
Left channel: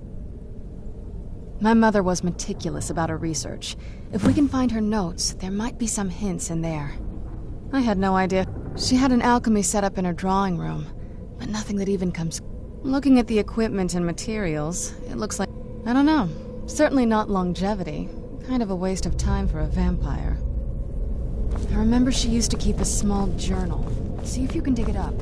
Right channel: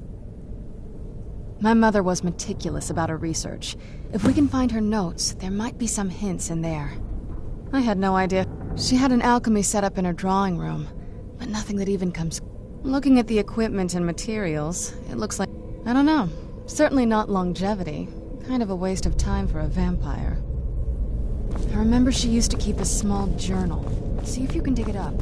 My mother was meticulous about her research. If we can find her notes, there might be some hints in there. I had no idea. She had an alchemy set up in her drawing room, but nothing that even comes... Looking at the equipment and materials, it looks like... I don't know. Certainly not longevity. Kind of a waste of time for a vampire. I remember she used to keep a small journal. See if you can dig it up.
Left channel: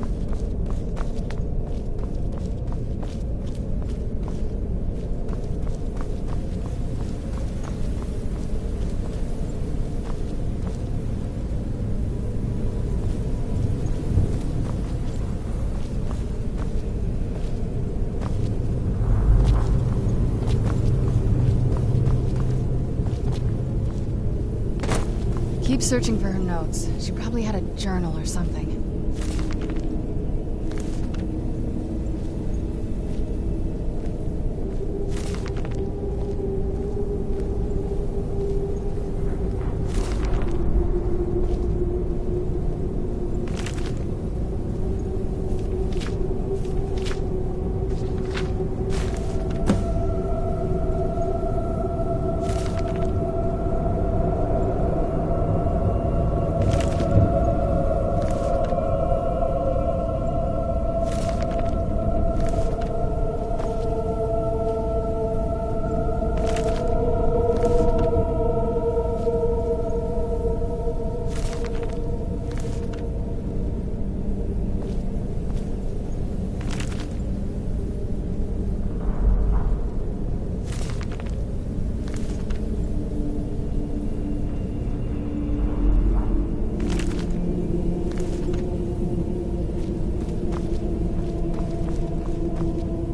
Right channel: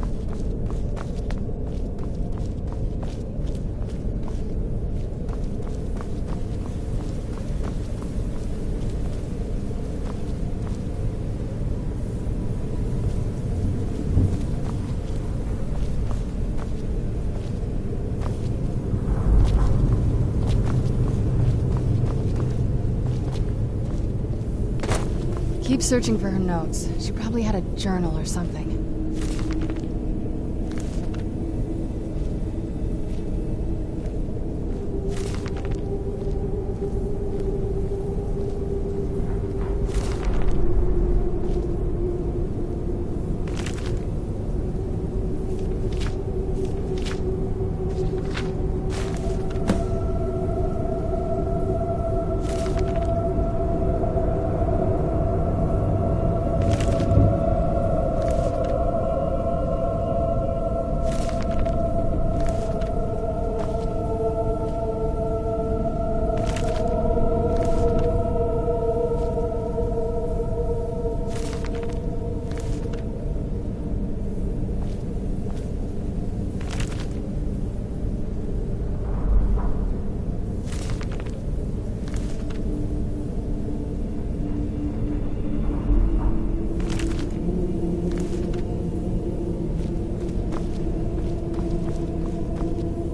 Keep searching for her notes. She probably had a journal or something.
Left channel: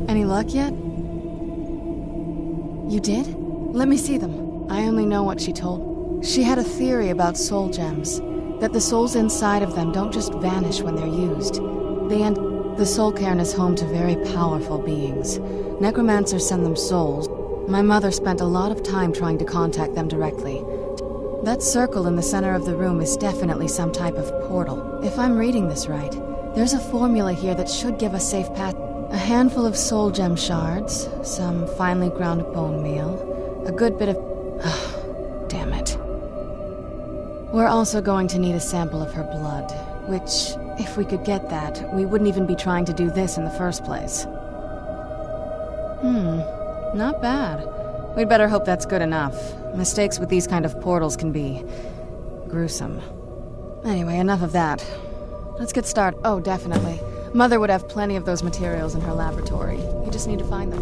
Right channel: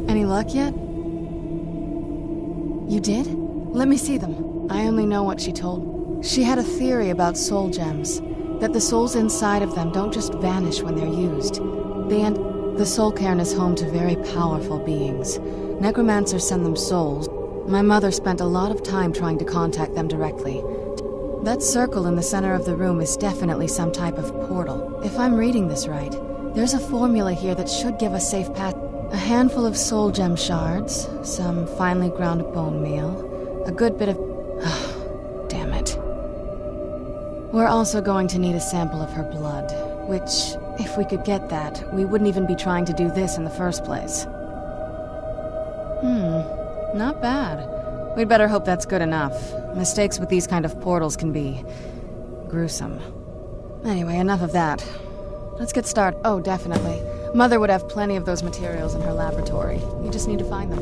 Any luck yet? You did? Let me see them. I only know what she told. She had a theory about soul gems. That the souls inside of them don't just vanish when they're used. The soul cairn is home to very powerful beings. Necromancers send them souls. My mother spent a lot of time trying to contact them directly. That circle in the center of the room is definitely some type of portal. If I'm reading this right, there's a formula here that should give us safe path. A handful of soul gem shards, some finely ground bone meal, a good bit of... damn it. We're also going to need a sample of her blood, which, if we could get that, we wouldn't even be trying to do this in the first place. Not bad. We'd better hope that's good enough. Mistakes with these kind of portals can be... gruesome. Anyway, enough of that. Let's get started. Oh, definitely. Mother would have plenty of those materials in her laboratory. You just need to find them.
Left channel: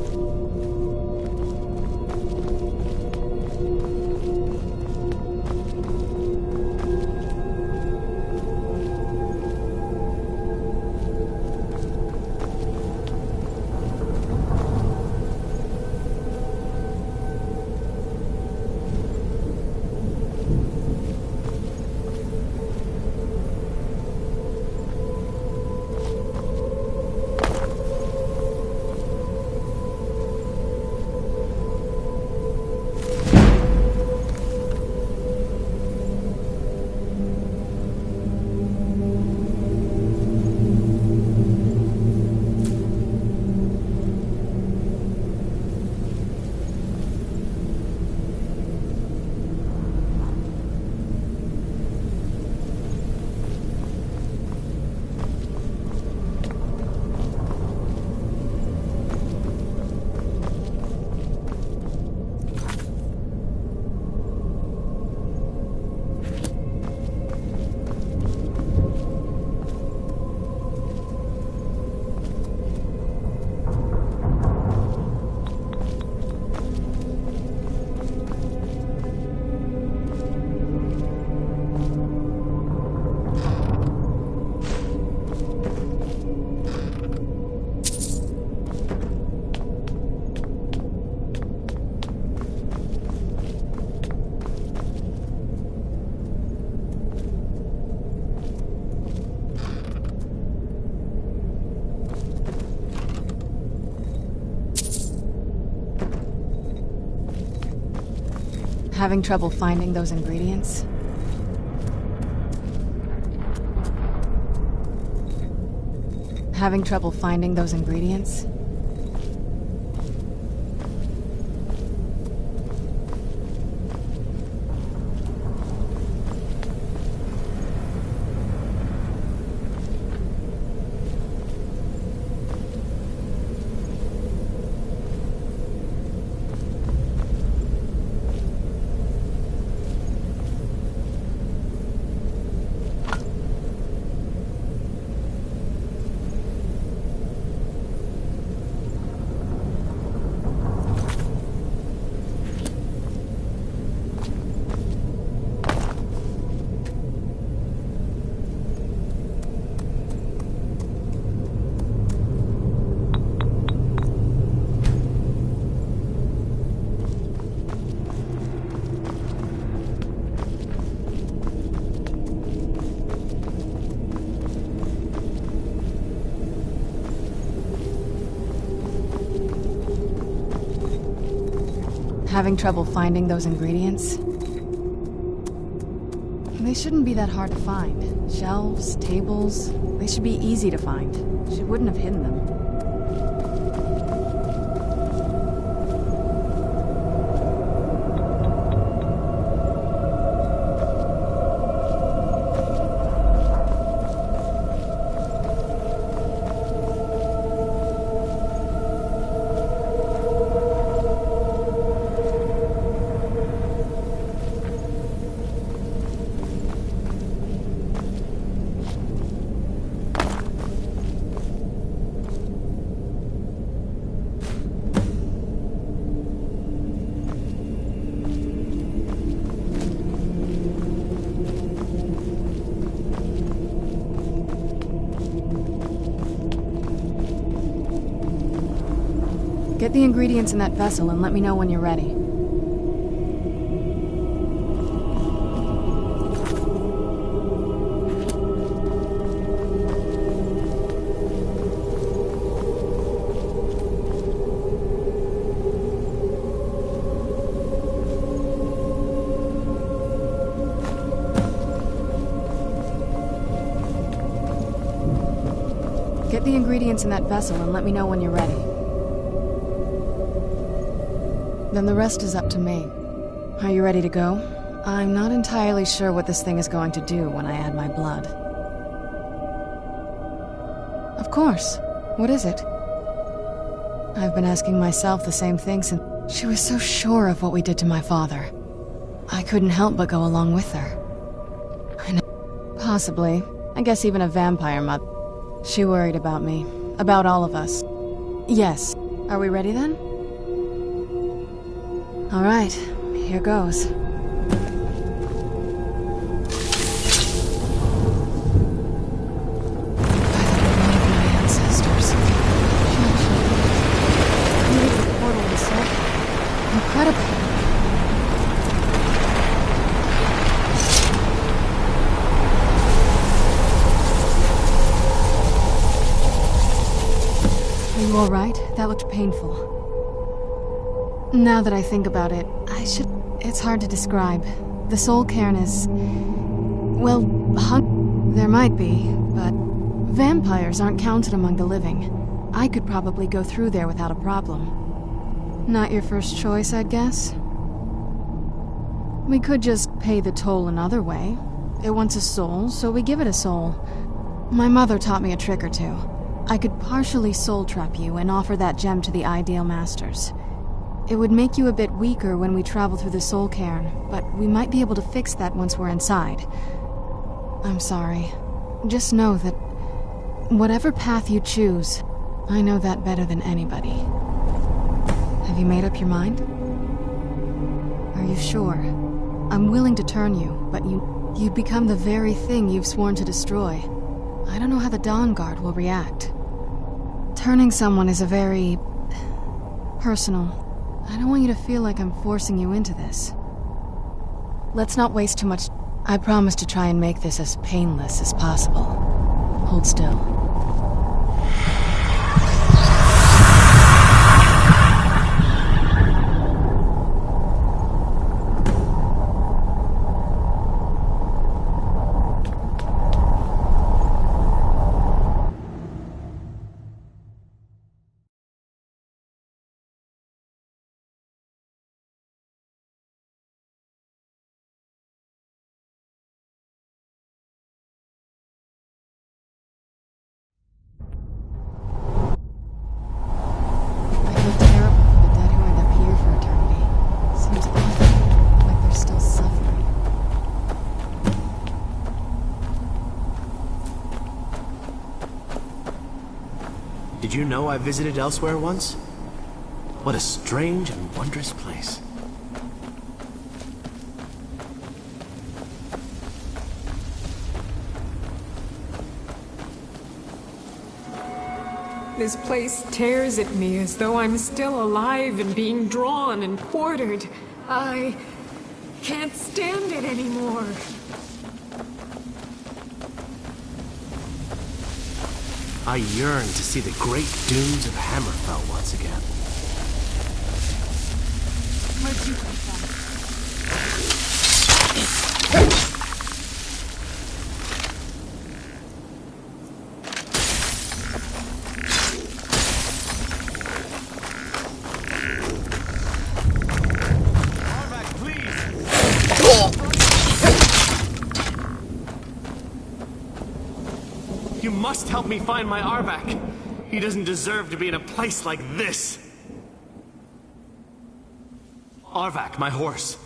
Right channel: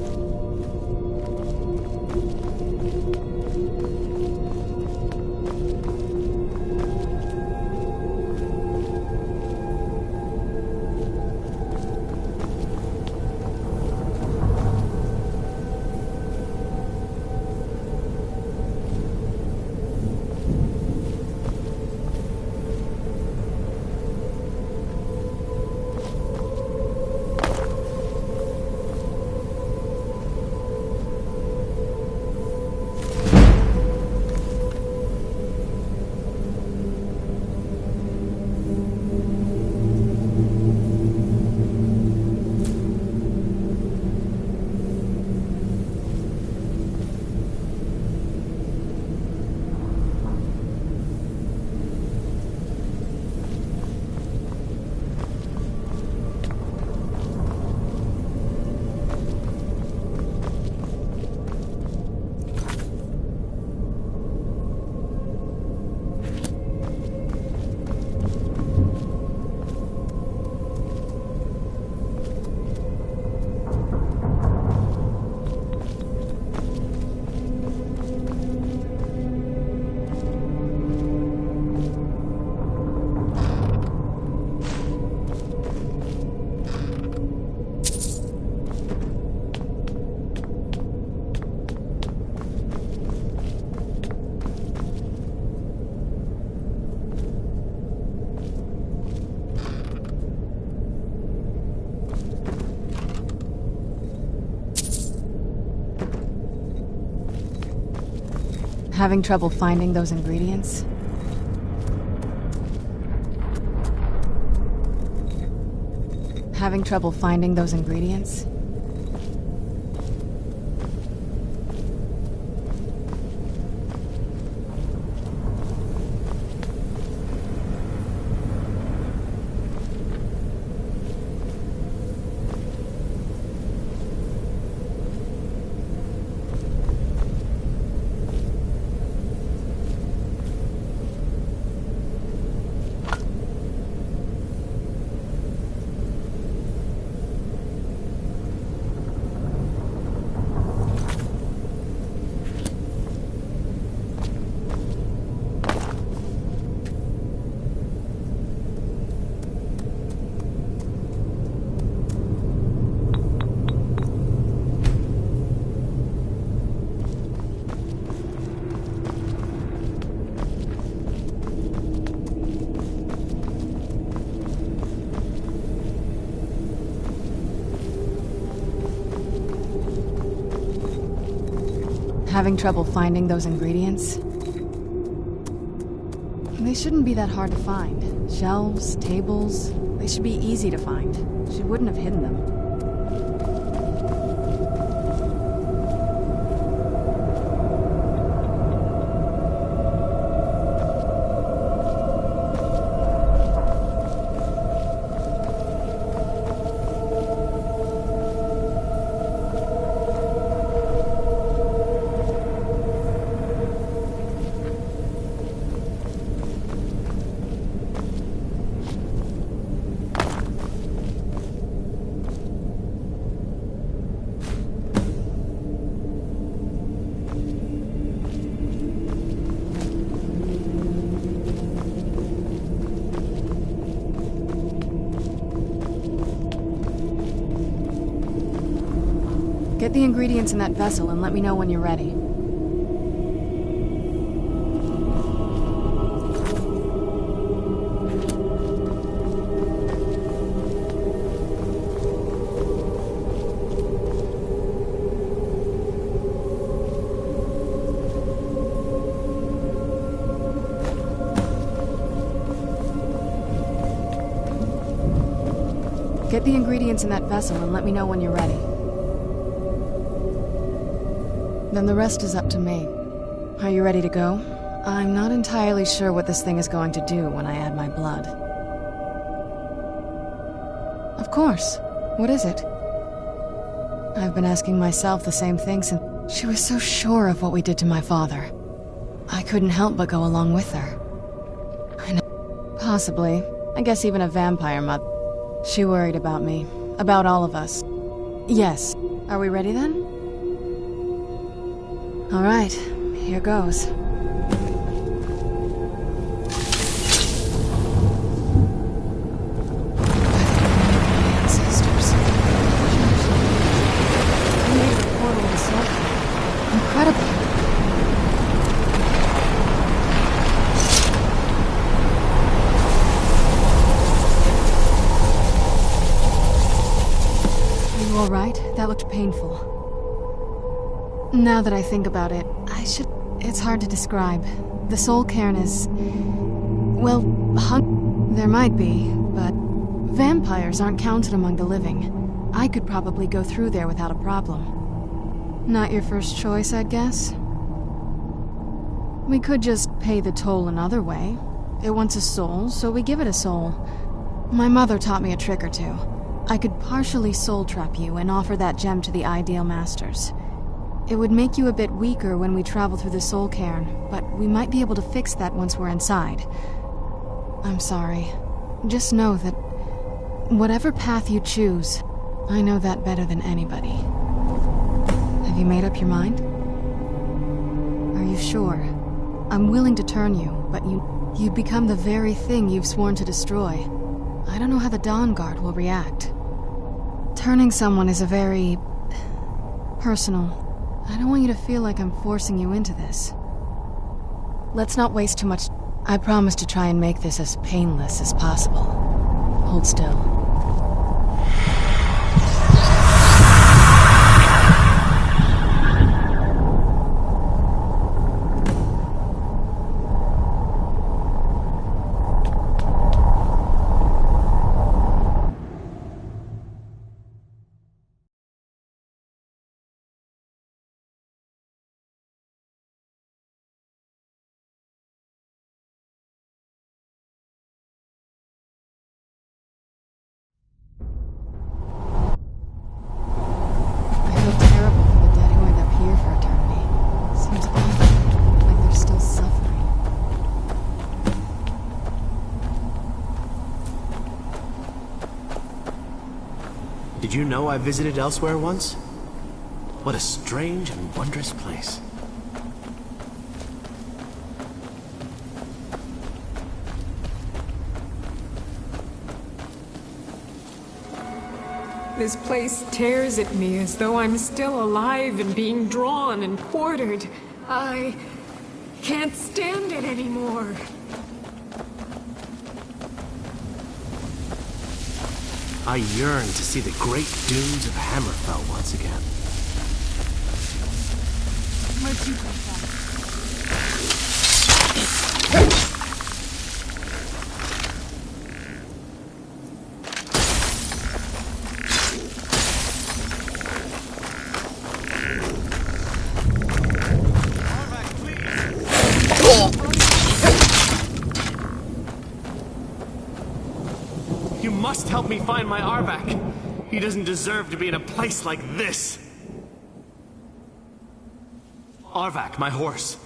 Having trouble finding those ingredients? Having trouble finding those ingredients? Having trouble finding those ingredients? They shouldn't be that hard to find. Shelves, tables, they should be easy to find. She wouldn't have hidden them. Get the ingredients in that vessel and let me know when you're ready. Get the ingredients in that vessel and let me know when you're ready. Then the rest is up to me. Are you ready to go? I'm not entirely sure what this thing is going to do when I add my blood. Of course. What is it? I've been asking myself the same thing since... She was so sure of what we did to my father. I couldn't help but go along with her. I know. Possibly. I guess even a vampire mother. She worried about me. About all of us. Yes. Are we ready then? All right, here goes. By the blood of my ancestors. She actually created a portal to Soul. Incredible. Are you all right? That looked painful. Now that I think about it, it's hard to describe. The soul cairn is... well, there might be, but vampires aren't counted among the living. I could probably go through there without a problem. Not your first choice, I'd guess? We could just pay the toll another way. It wants a soul, so we give it a soul. My mother taught me a trick or two. I could partially soul trap you and offer that gem to the Ideal Masters. It would make you a bit weaker when we travel through the soul cairn, but we might be able to fix that once we're inside. I'm sorry. Just know that whatever path you choose, I know that better than anybody. Have you made up your mind? Are you sure? I'm willing to turn you, but you'd become the very thing you've sworn to destroy. I don't know how the Dawn Guard will react. Turning someone is a very... personal... I don't want you to feel like I'm forcing you into this. Let's not waste too much... I promise to try and make this as painless as possible. Hold still. terrible for the dead who end up here for eternity. Seems awful, like they're still suffering. Did you know I visited elsewhere once? What a strange and wondrous place. This place tears at me as though I'm still alive and being drawn and quartered. I can't stand it anymore. I yearn to see the great dunes of Hammerfell once again. Where'd you come from? You must help me find my Arvak. He doesn't deserve to be in a place like this. Arvak, my horse.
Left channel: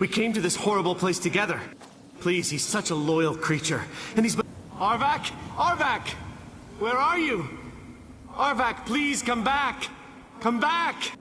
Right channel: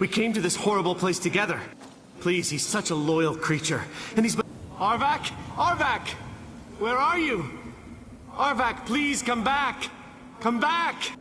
We came to this horrible place together. Please, he's such a loyal creature. And he's... Arvak! Arvak! Where are you? Arvak, please come back! Come back!